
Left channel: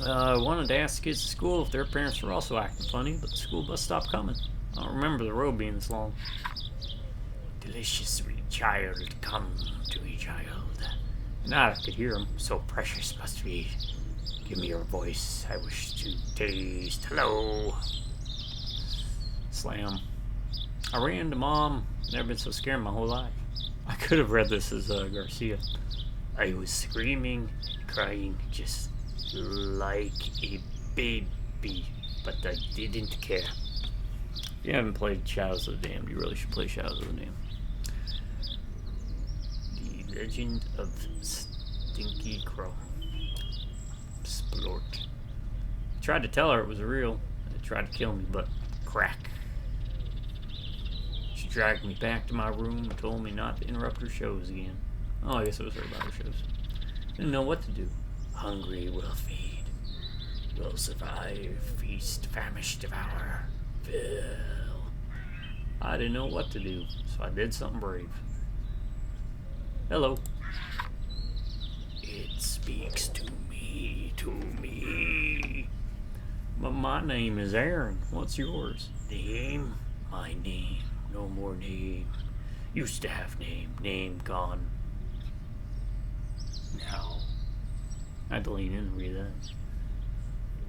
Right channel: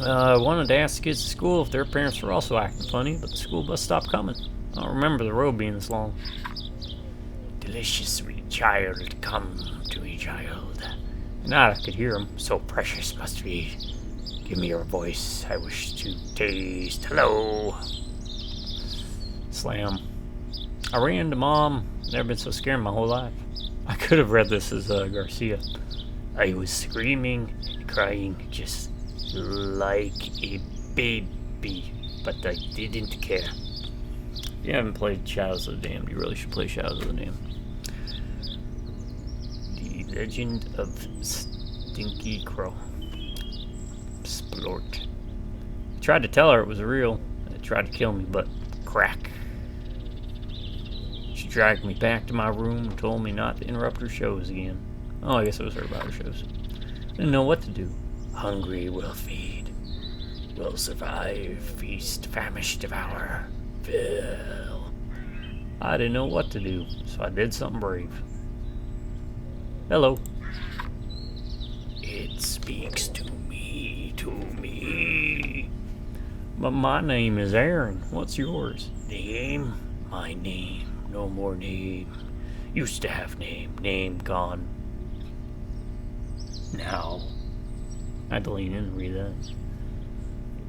I wanted to ask the kids at school if their parents were also acting funny, but the school bus stopped coming. I don't remember the road being this long. Delicious sweet child, come to me, child. And I could hear him. So precious must be. Give me your voice. I wish to taste. Hello. Slam. I ran to Mom. Never been so scared in my whole life. I could have read this as Garcia. I was screaming and crying just like a baby, but I didn't care. If you haven't played Shadows of the Damned, you really should play Shadows of the Damned. The Legend of Stinky Crow. Splort. I tried to tell her it was real. It tried to kill me, but crack. She dragged me back to my room and told me not to interrupt her shows again. Oh, I guess it was her about her shows. Didn't know what to do. Hungry will feed. Will survive. Feast. Famish. Devour. Fill. I didn't know what to do, so I did something brave. Hello. It speaks to me, But my name is Aaron. What's yours? Name? My name. No more name. Used to have name. Name gone. Now. I had to lean in and read that.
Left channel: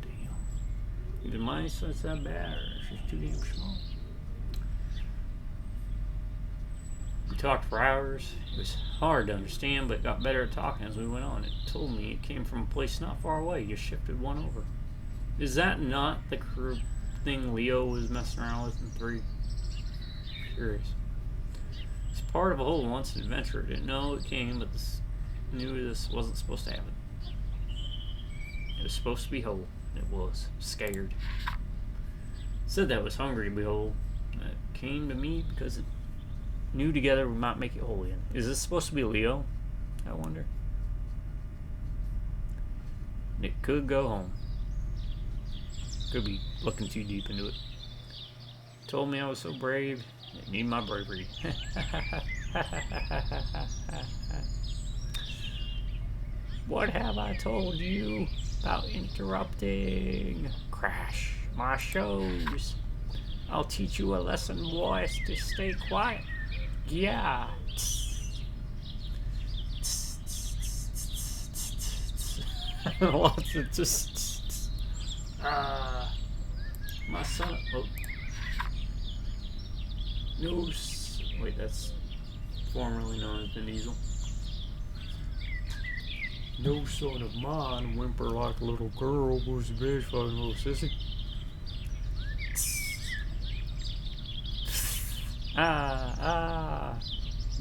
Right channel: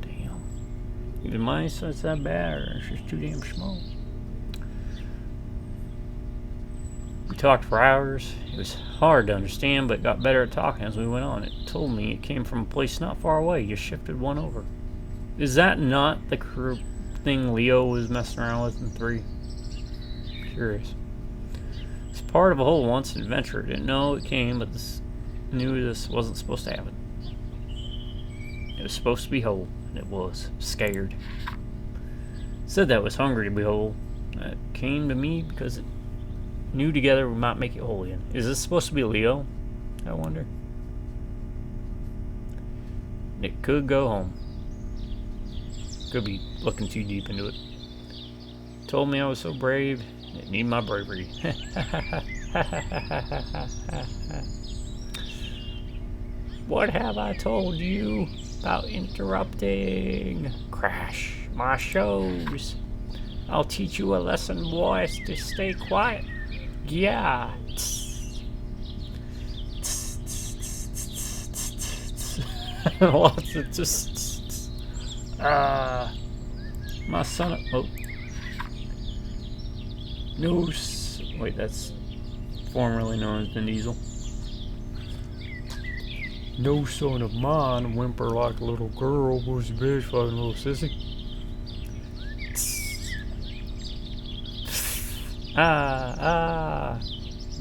Damn. Even my eyesight's that bad, or it's just too damn small. We talked for hours. It was hard to understand, but got better at talking as we went on. It told me it came from a place not far away. You shifted one over. Is that not the thing Leo was messing around with in 3? Curious. It's part of a whole once adventure. Didn't know it came, but knew this wasn't supposed to happen. It was supposed to be whole, and it was. Scared. Said that was hungry to be whole. That came to me because it knew together we might make it whole again. Is this supposed to be Leo? I wonder. It could go home. Could be looking too deep into it. Told me I was so brave. It need my bravery. What have I told you about interrupting? Crash my shows. I'll teach you a lesson, boys, to stay quiet. Yeah. What's it just? My son. Oh. No. Wait, that's formerly known as Vin Diesel. No son of mine whimper like a little girl was a bitch fucking little sissy.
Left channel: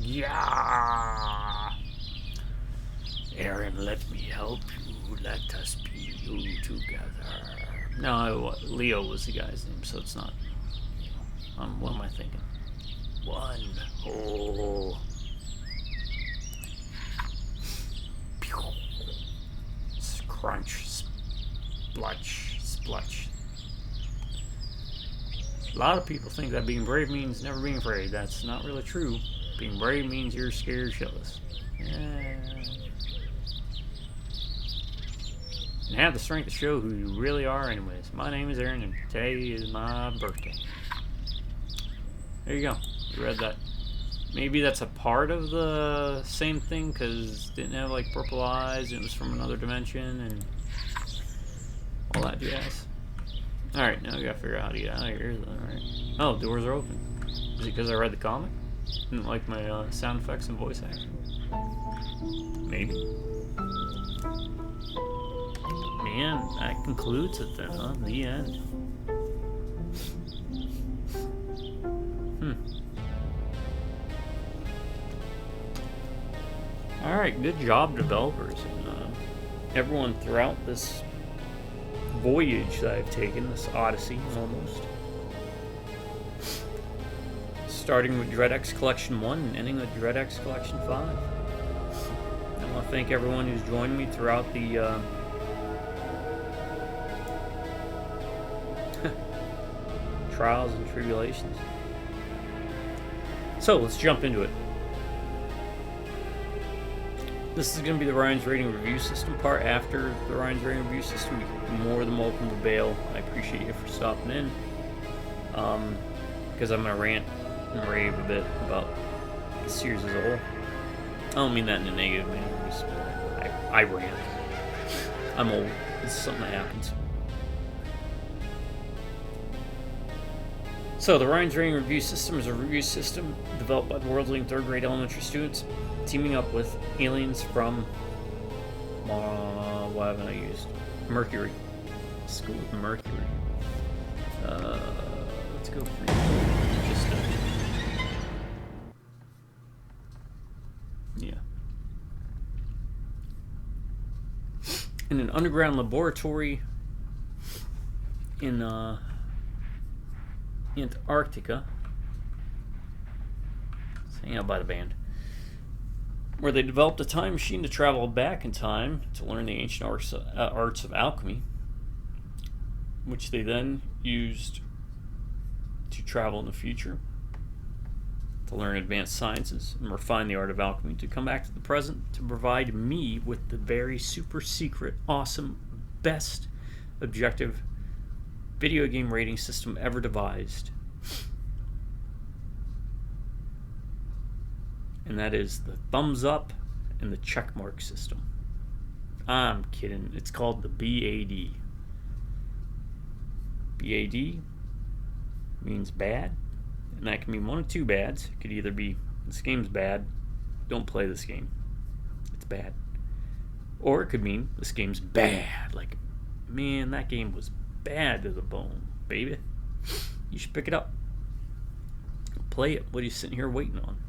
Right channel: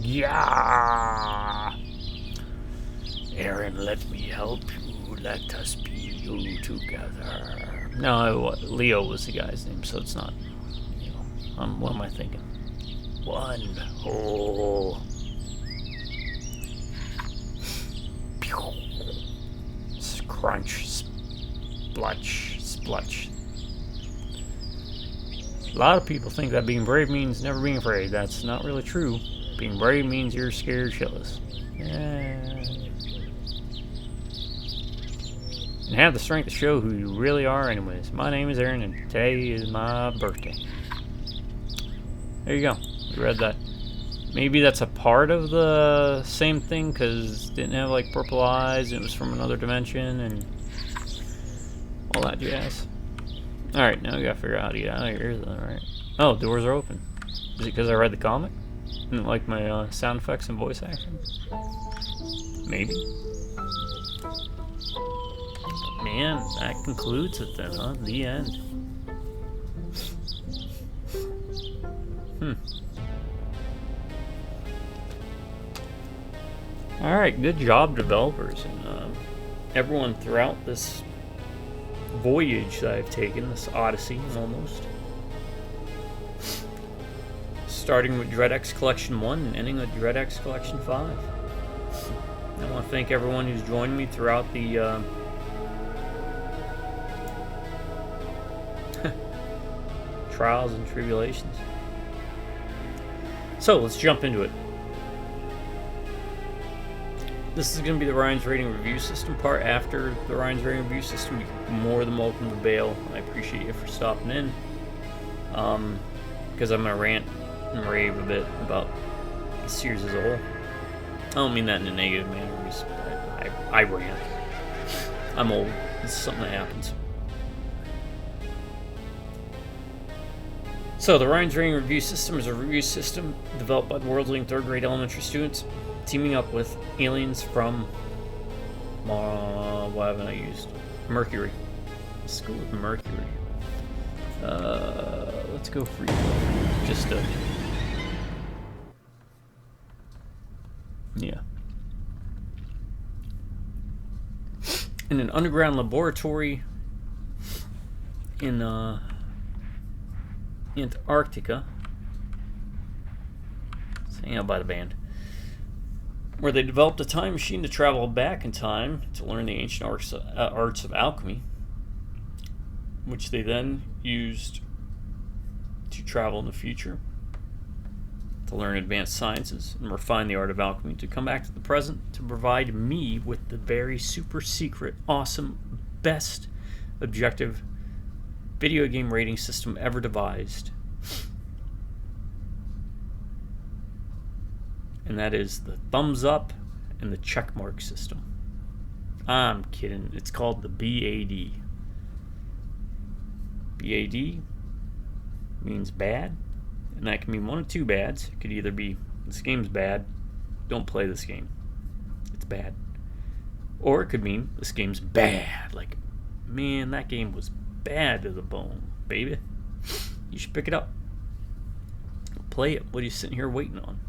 Yeah. Aaron, let me help you. Let us be you together. No, Leo was the guy's name, so it's not. You know, what am I thinking? One whole. Crunch, splutch, splutch. A lot of people think that being brave means never being afraid. That's not really true. Being brave means you're scared shitless. And have the strength to show who you really are anyways. My name is Aaron and today is my birthday. There you go. You read that. Maybe that's a part of the same thing because it didn't have like purple eyes and it was from another dimension and all that jazz. Alright, now we gotta figure out how to get out of here though, right? Oh, doors are open. Is it because I read the comic? Didn't like my sound effects and voice acting? Maybe. Man, that concludes it then, huh? The end. Alright, good job, developers, and everyone throughout this voyage that I've taken, this odyssey, almost. Starting with DreadX Collection 1 and ending with DreadX Collection 5. I want to thank everyone who's joined me throughout the trials and tribulations. So, let's jump into it. This is going to be the Ryan's Rating Review System part. After the Ryan's Rating Review System, you're more than welcome to bail. I appreciate you for stopping in. Because I'm going to rant and rave a bit about the series as a whole. I don't mean that in a negative manner. I rant. I'm old. This is something that happens. So, the Ryan's Rating Review System is a review system developed by the world's leading third-grade elementary students, teaming up with aliens from, what haven't I used? Mercury. Let's go with Mercury. Let's go free. Just yeah. In an underground laboratory in Antarctica. Let's hang out by the band. where they developed a time machine to travel back in time to learn the ancient arts of alchemy, which they then used to travel in the future, to learn advanced sciences and refine the art of alchemy, to come back to the present to provide me with the very super secret, awesome, best objective video game rating system ever devised. And that is the thumbs up and the check mark system. I'm kidding. It's called the B.A.D. B.A.D. means bad, and that can mean one of two bads. It could either be, this game's bad, don't play this game, it's bad. Or it could mean, this game's bad, like, man, that game was bad to the bone, baby. You should pick it up. Play it. What are you sitting here waiting on?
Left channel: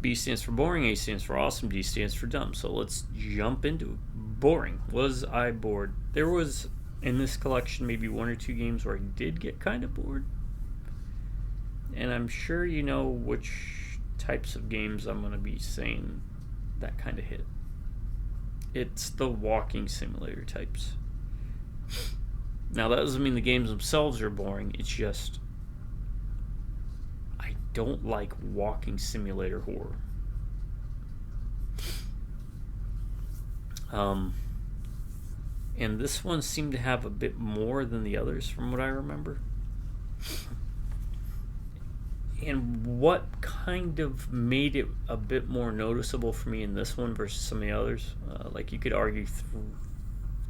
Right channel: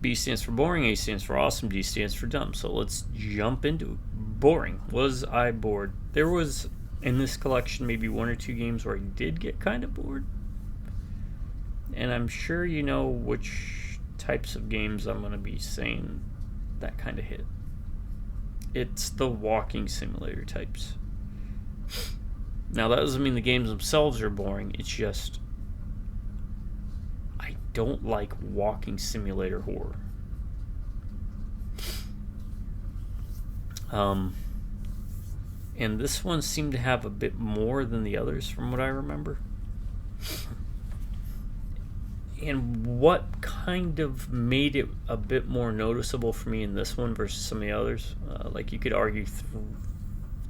B stands for boring, A stands for awesome, D stands for dumb. So let's jump into it. Boring. Was I bored? There was, in this collection, maybe one or two games where I did get kind of bored. And I'm sure you know which types of games I'm going to be saying that kind of hit. It's the walking simulator types. Now, that doesn't mean the games themselves are boring. It's just, I don't like walking simulator horror. And this one seemed to have a bit more than the others from what I remember. And what kind of made it a bit more noticeable for me in this one versus some of the others, like you could argue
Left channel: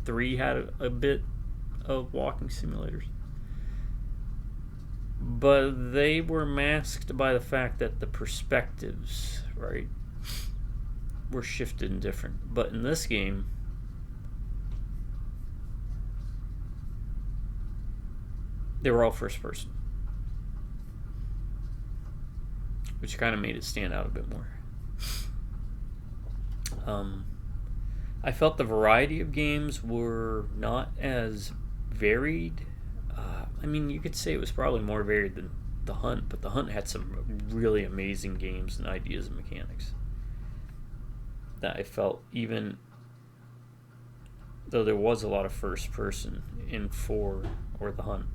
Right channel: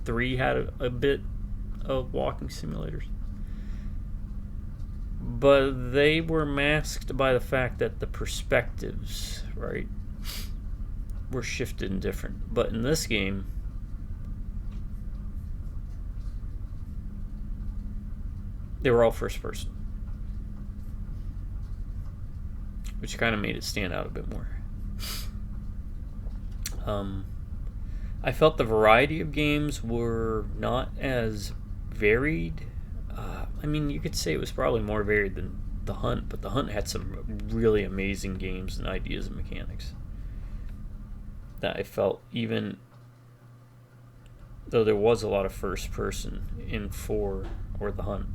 3 had a bit of walking simulators, but they were masked by the fact that the perspectives, right, were shifted and different. But in this game, they were all first person, which kind of made it stand out a bit more. I felt the variety of games were not as varied. I mean, you could say it was probably more varied than The Hunt, but The Hunt had some really amazing games and ideas and mechanics that I felt, even though there was a lot of first person in 4 or The Hunt,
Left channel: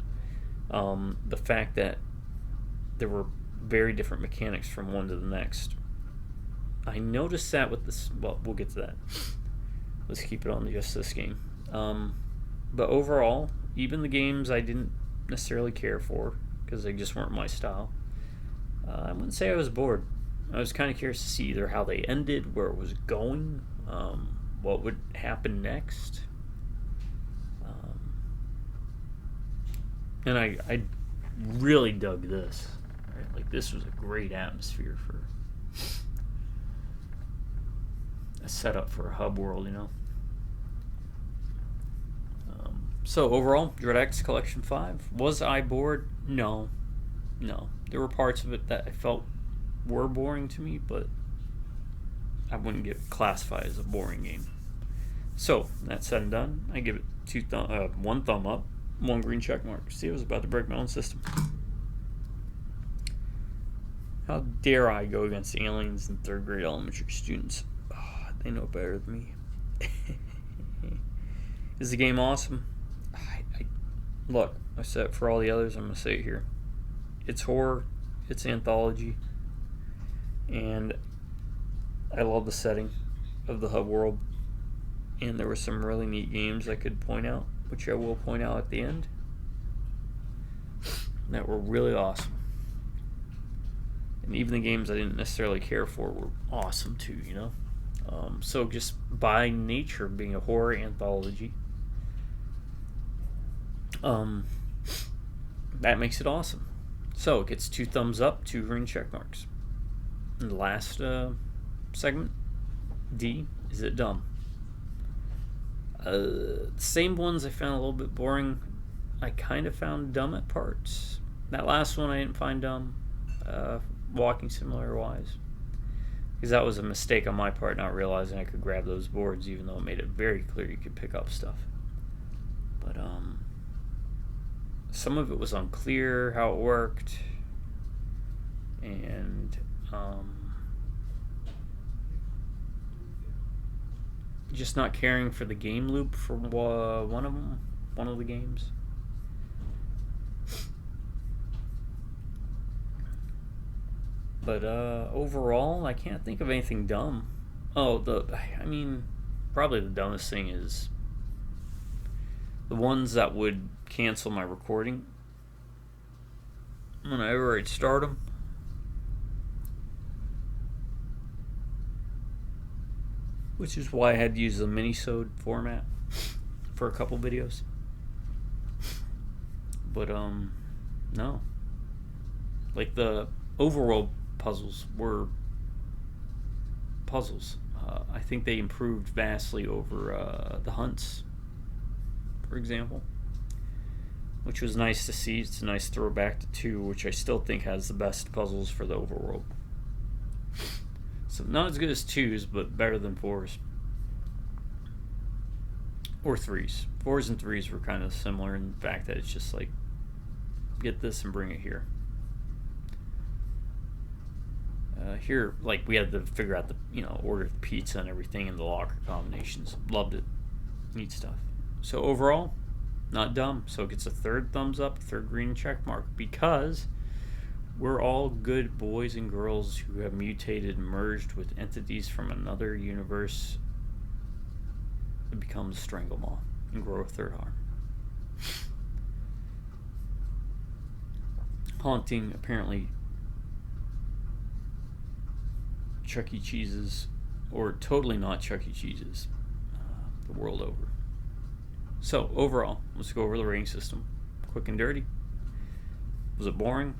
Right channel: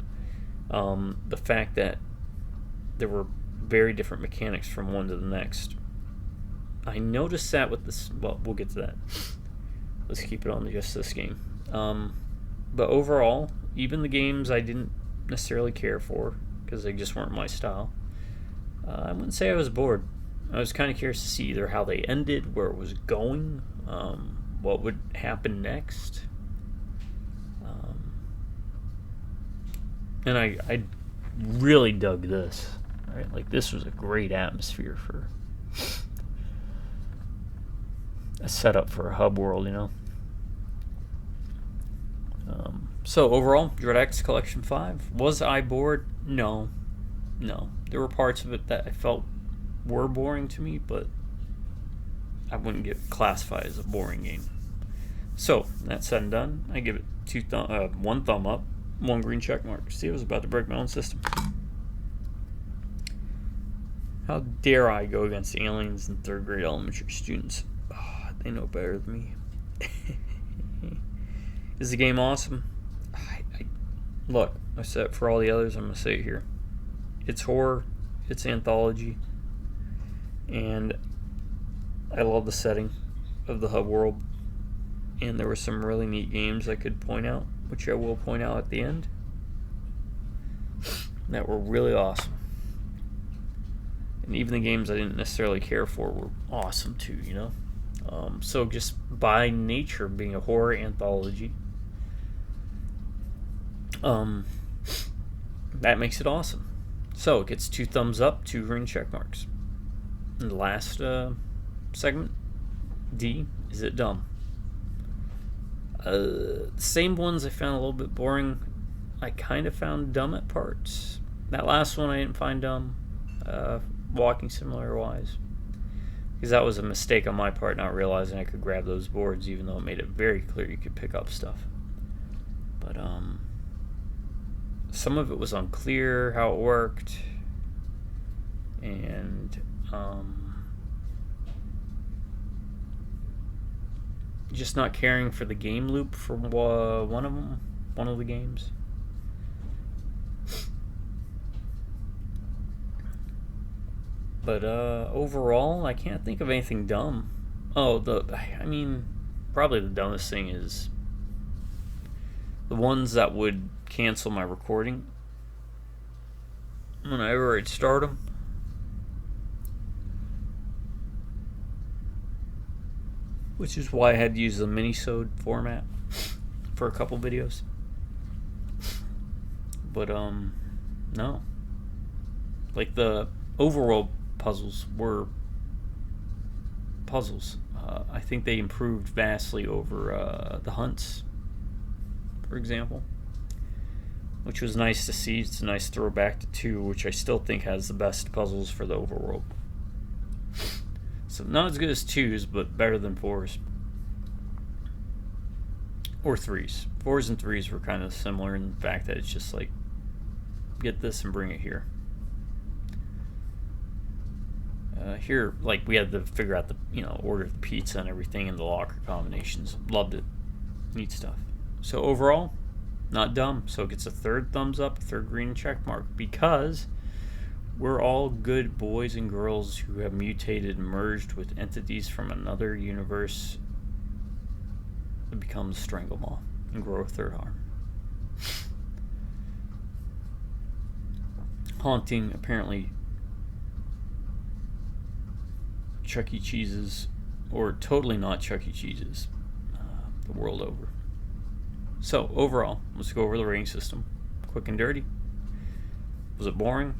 the fact that there were very different mechanics from one to the next. I noticed that with this, well, we'll get to that. Let's keep it on just this game. But overall, even the games I didn't necessarily care for, because they just weren't my style, I wouldn't say I was bored. I was kind of curious to see either how they ended, where it was going, what would happen next. And I really dug this. Right? Like, this was a great atmosphere for a setup for a hub world, you know. So overall, Dread X Collection 5. Was I bored? No. There were parts of it that I felt were boring to me, but I wouldn't get classified as a boring game. So, that said and done, I give it 1 thumb up, 1 green check mark. See, I was about to break my own system. How dare I go against aliens and 3rd grade elementary students? Oh, they know better than me. Is the game awesome? Look, I said it for all the others, I'm going to say it here. It's horror, it's anthology, and I love the setting of the hub world. And there were some really neat games I could point out, which I will point out at the end, that were really awesome. And even the games I didn't necessarily care for were awesome too, you know? So just by nature being a horror anthology, that makes it awesome. So it gets 2 thumbs up, 2 green check marks. And the last segment, D, is it dumb? Same ones I found a little bit boring. I kind of found dumb at parts. That last one I didn't find dumb, walking simulator wise, because that was a mistake on my part, not realizing I could grab those boards, even though it made it very clear you could pick up stuff. But some of it was unclear how it worked, and just not caring for the game loop for one of the games. But overall, I can't think of anything dumb. Probably the dumbest thing is the ones that would cancel my recording whenever I'd start them. Which is why I had to use the mini-sode format for a couple videos. But, no. Like, the overworld puzzles were puzzles. I think they improved vastly over the hunts, for example. Which was nice to see. It's a nice throwback to 2, which I still think has the best puzzles for the overworld. So not as good as 2's, but better than 4's. Or 3's. 4's and 3's were kind of similar in the fact that it's just like, get this and bring it here. Here, like, we had to figure out the, order of the pizza and everything and the locker combinations. Loved it. Neat stuff. So overall, not dumb. So it gets a 3rd thumbs up, 3rd green check mark, because we're all good boys and girls who have mutated and merged with entities from another universe to become the Stranglemoth and grow a 3rd arm. Haunting, apparently, Chuck E. Cheese's, or totally not Chuck E. Cheese's, the world over. So, overall, let's go over the rating system. Quick and dirty. Was it boring?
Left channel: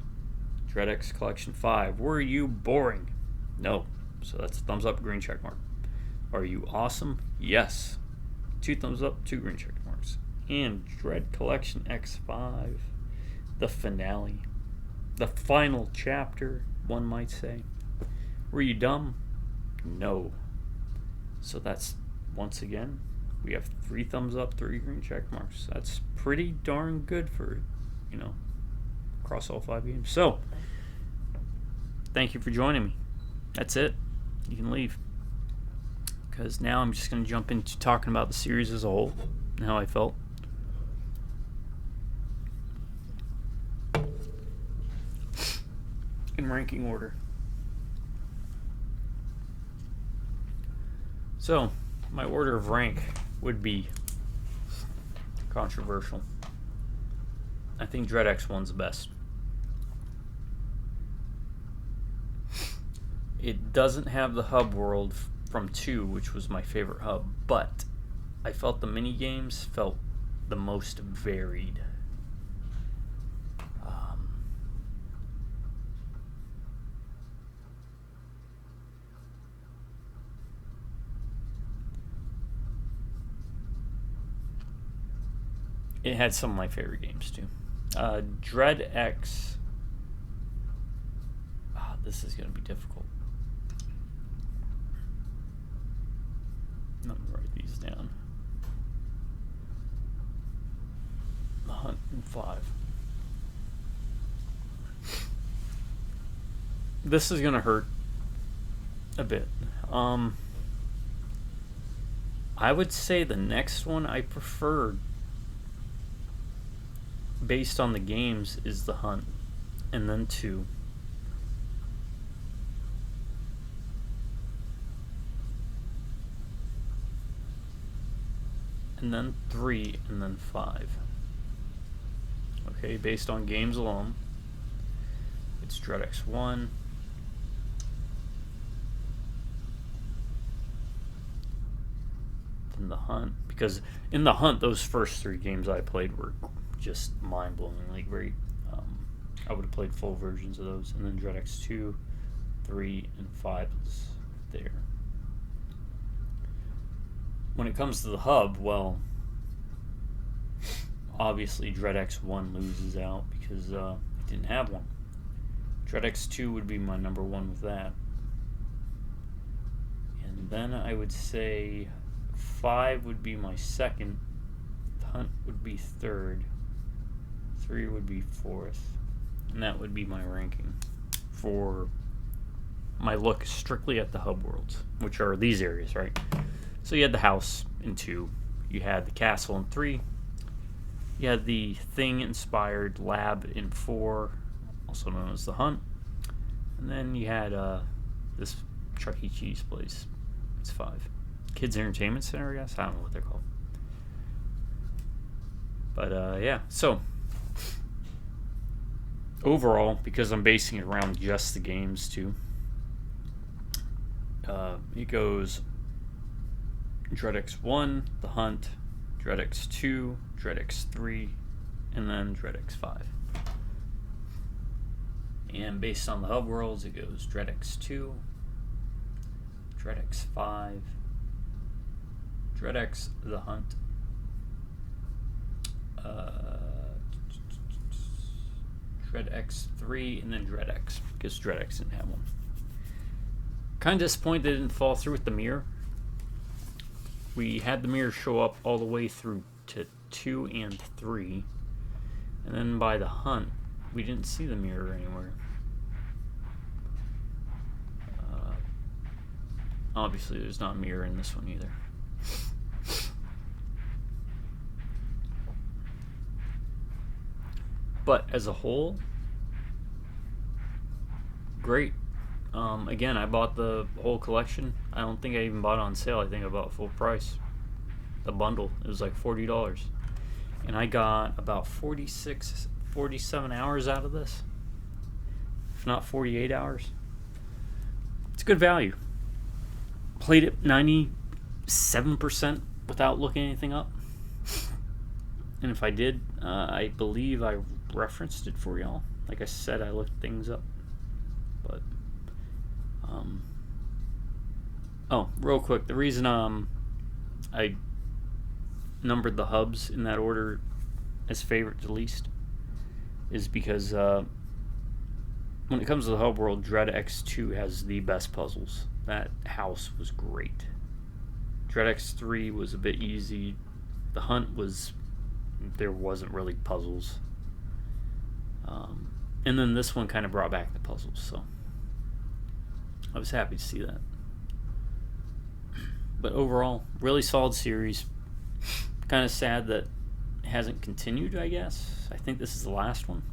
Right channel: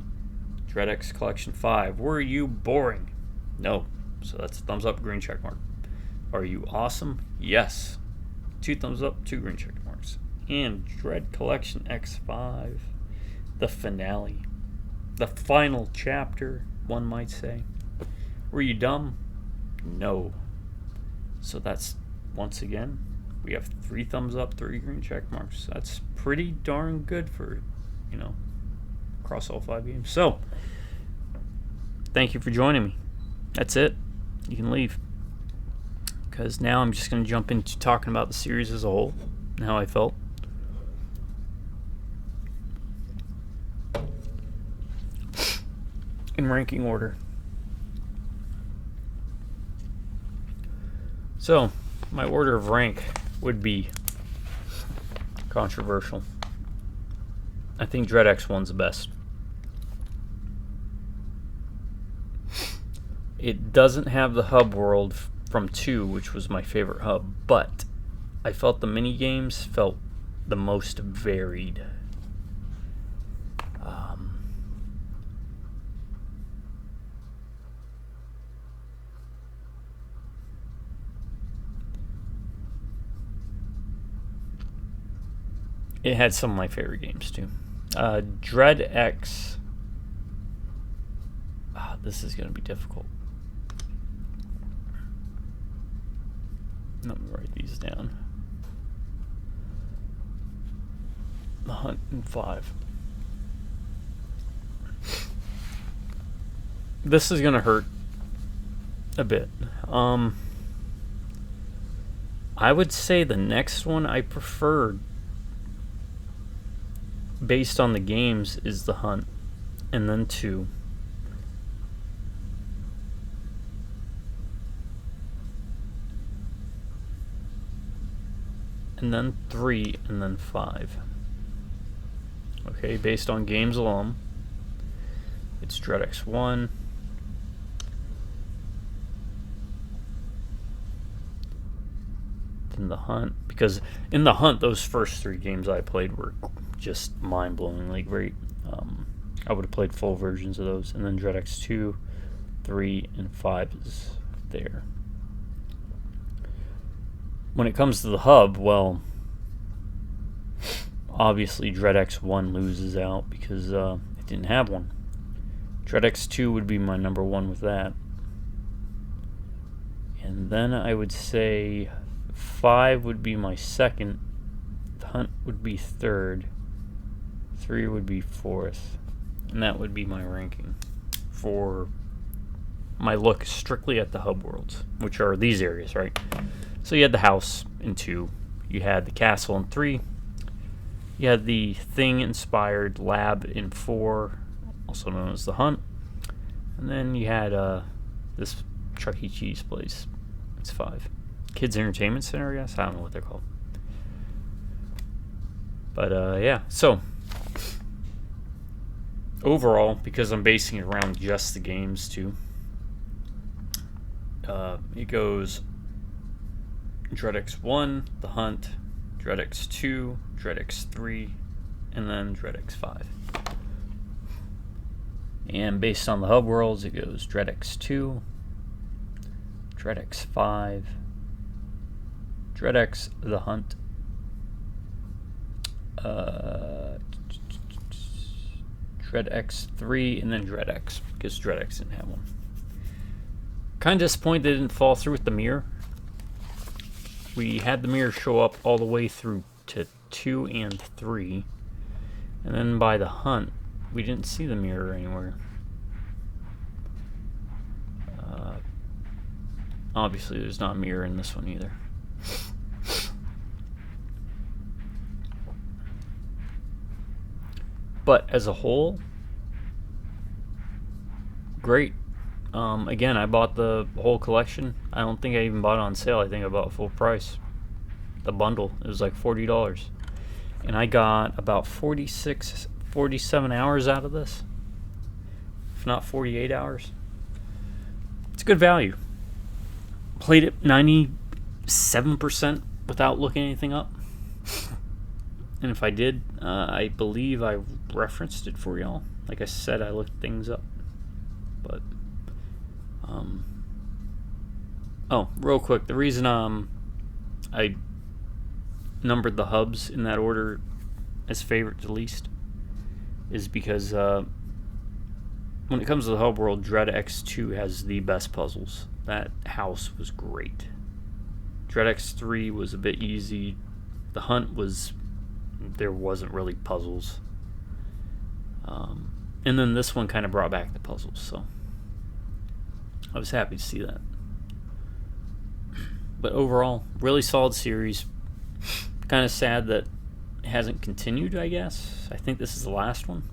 Dread X Collection 5. Were you boring? No. So that's a thumbs up, green check mark. Are you awesome? Yes. 2 thumbs up, 2 green check marks. And Dread Collection X5. The finale. The final chapter, one might say. Were you dumb? No. So that's, once again, we have 3 thumbs up, 3 green check marks. That's pretty darn good for, across all 5 games. So, thank you for joining me. That's it. You can leave. Because now I'm just going to jump into talking about the series as a whole and how I felt. In ranking order. So, my order of rank would be controversial. I think Dread X1's the best. It doesn't have the hub world from 2, which was my favorite hub, but I felt the mini games felt the most varied. It had some of my favorite games too. Dread X. This is going to be difficult. Let me write these down. The Hunt and 5. This is going to hurt a bit. I would say the next one I preferred, based on the games, is the Hunt, and then 2. And then 3, and then 5. Okay, based on games alone, it's Dread X1, then the Hunt, because in the Hunt, those first 3 games I played were just mind-blowing, like very, I would have played full versions of those, and then Dread X2, 3, and 5 is there. When it comes to the hub, well, obviously Dread X1 loses out because it didn't have one. Dread X2 would be my number 1 with that. And then I would say 5 would be my second, the Hunt would be 3rd, 3 would be 4th, and that would be my ranking for my look strictly at the hub worlds, which are these areas, right? So you had the house in 2, you had the castle in 3, you had the Thing-inspired lab in 4, also known as the Hunt, and then you had this Chuck E. Cheese place. It's 5. Kids Entertainment Center, I guess? I don't know what they're called. But yeah, so overall, because I'm basing it around just the games too, it goes Dread X1, The Hunt, Dread X2, Dread X3, and then Dread X5. And based on the hub worlds, it goes Dread X2, Dread X5, Dread X, The Hunt, Dread X3, and then Dread X, because Dread X didn't have one. Kind of disappointed they didn't fall through with the mirror. We had the mirror show up all the way through to 2 and 3, and then by the Hunt, we didn't see the mirror anywhere. Obviously, there's not a mirror in this one either. But as a whole, great. Again, I bought the whole collection. I don't think I even bought it on sale. I think I bought full price. The bundle, it was like $40. And I got about 47 hours out of this. If not 48 hours. It's good value. Played it 97% without looking anything up. And if I did, I believe I referenced it for y'all. Like I said, I looked things up. But, oh, real quick, the reason I numbered the hubs in that order as favorite to least is because when it comes to the hub world, Dread X2 has the best puzzles. That house was great. Dread X3 was a bit easy. The Hunt was... there wasn't really puzzles. And then this one kind of brought back the puzzles, so I was happy to see that. But overall, really solid series. Kind of sad that it hasn't continued, I guess. I think this is the last one.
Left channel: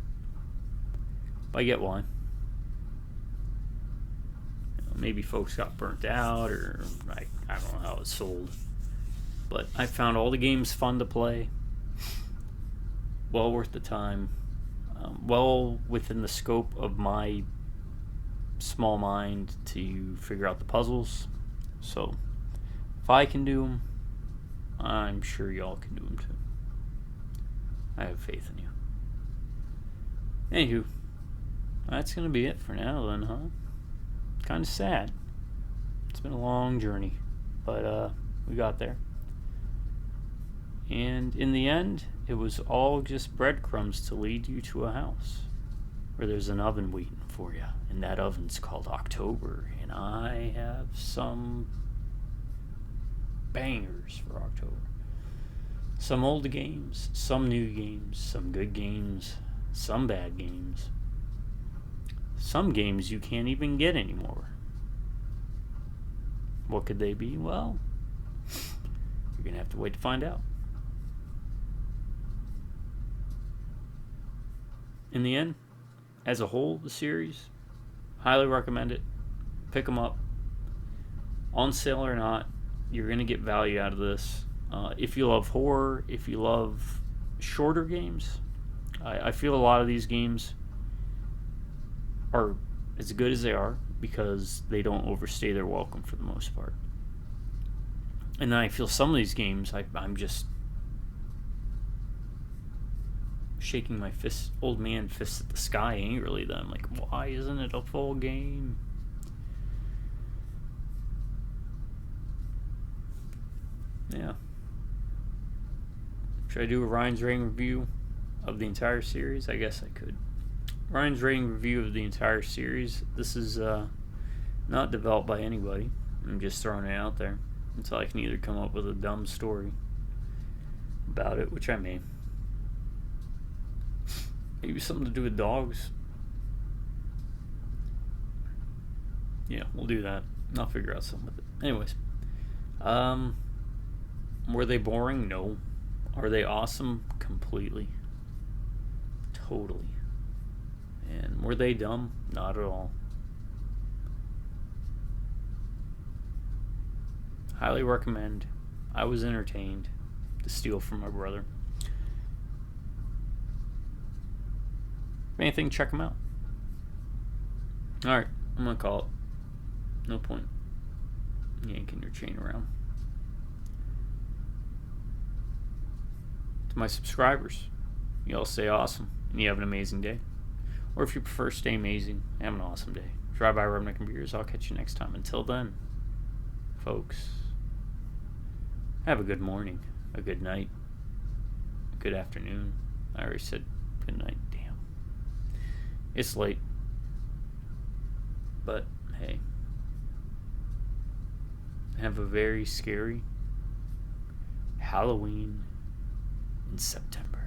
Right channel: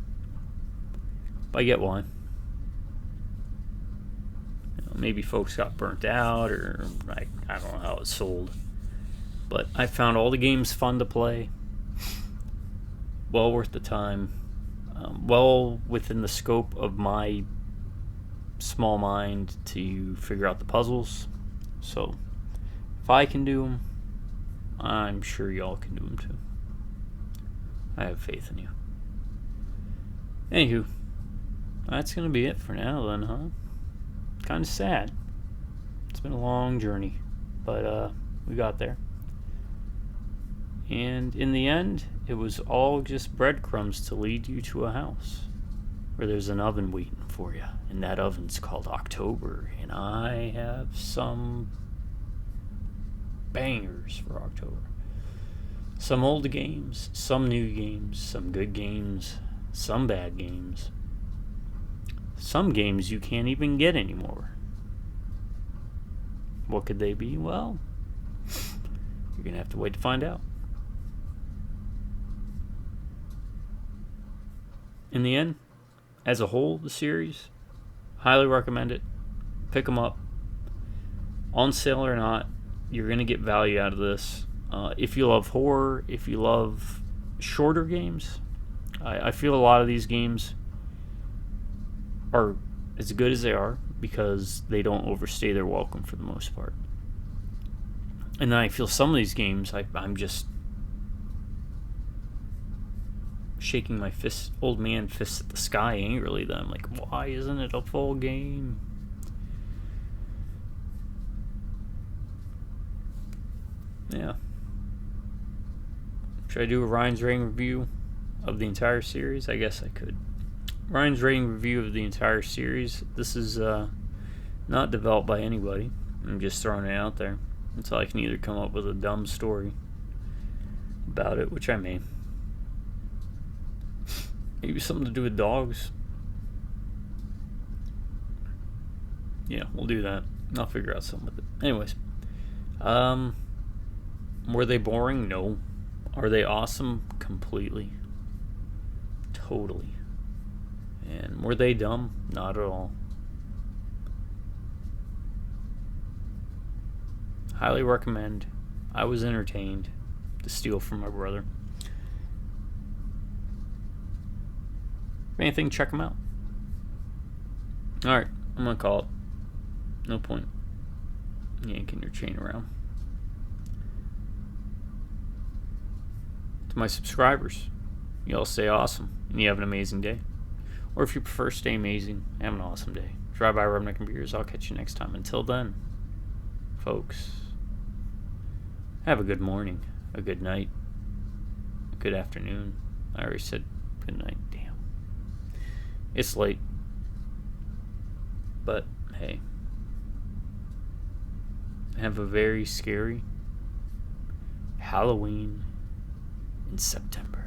But I get why. Maybe folks got burnt out, or I don't know how it sold. But I found all the games fun to play. Well worth the time. Well within the scope of my small mind to figure out the puzzles. So if I can do them, I'm sure y'all can do them too. I have faith in you. Anywho, that's going to be it for now then, huh? Kind of sad. It's been a long journey, but we got there. And in the end, it was all just breadcrumbs to lead you to a house where there's an oven waiting for you. And that oven's called October. And I have some bangers for October. Some old games, some new games, some good games, some bad games. Some games you can't even get anymore. What could they be? Well, you're going to have to wait to find out. In the end, as a whole, the series, highly recommend it. Pick them up. On sale or not, you're going to get value out of this. If you love horror, if you love shorter games, I feel a lot of these games are as good as they are because they don't overstay their welcome for the most part. And then I feel some of these games, I'm just shaking my fist, old man fists at the sky angrily. Then I'm like, why isn't it a full game? Yeah. Should I do a Ryan's rating review of the entire series? I guess I could. Ryan's rating review of the entire series. This is not developed by anybody. I'm just throwing it out there until I can either come up with a dumb story about it, which I may. Maybe something to do with dogs. Yeah, we'll do that. I'll figure out something with it. Anyways, Were they boring? No. Are they awesome? Completely. Totally. And were they dumb? Not at all. Highly recommend. I was entertained to steal from my brother. If anything, check them out. Alright, I'm gonna call it. No point yanking your chain around. To my subscribers, you all stay awesome and you have an amazing day. Or if you prefer, stay amazing, have an awesome day. Drive by Redneck and Beers. I'll catch you next time. Until then, folks, have a good morning, a good night, a good afternoon. I already said good night. Damn. It's late. But, hey. Have a very scary Halloween in September.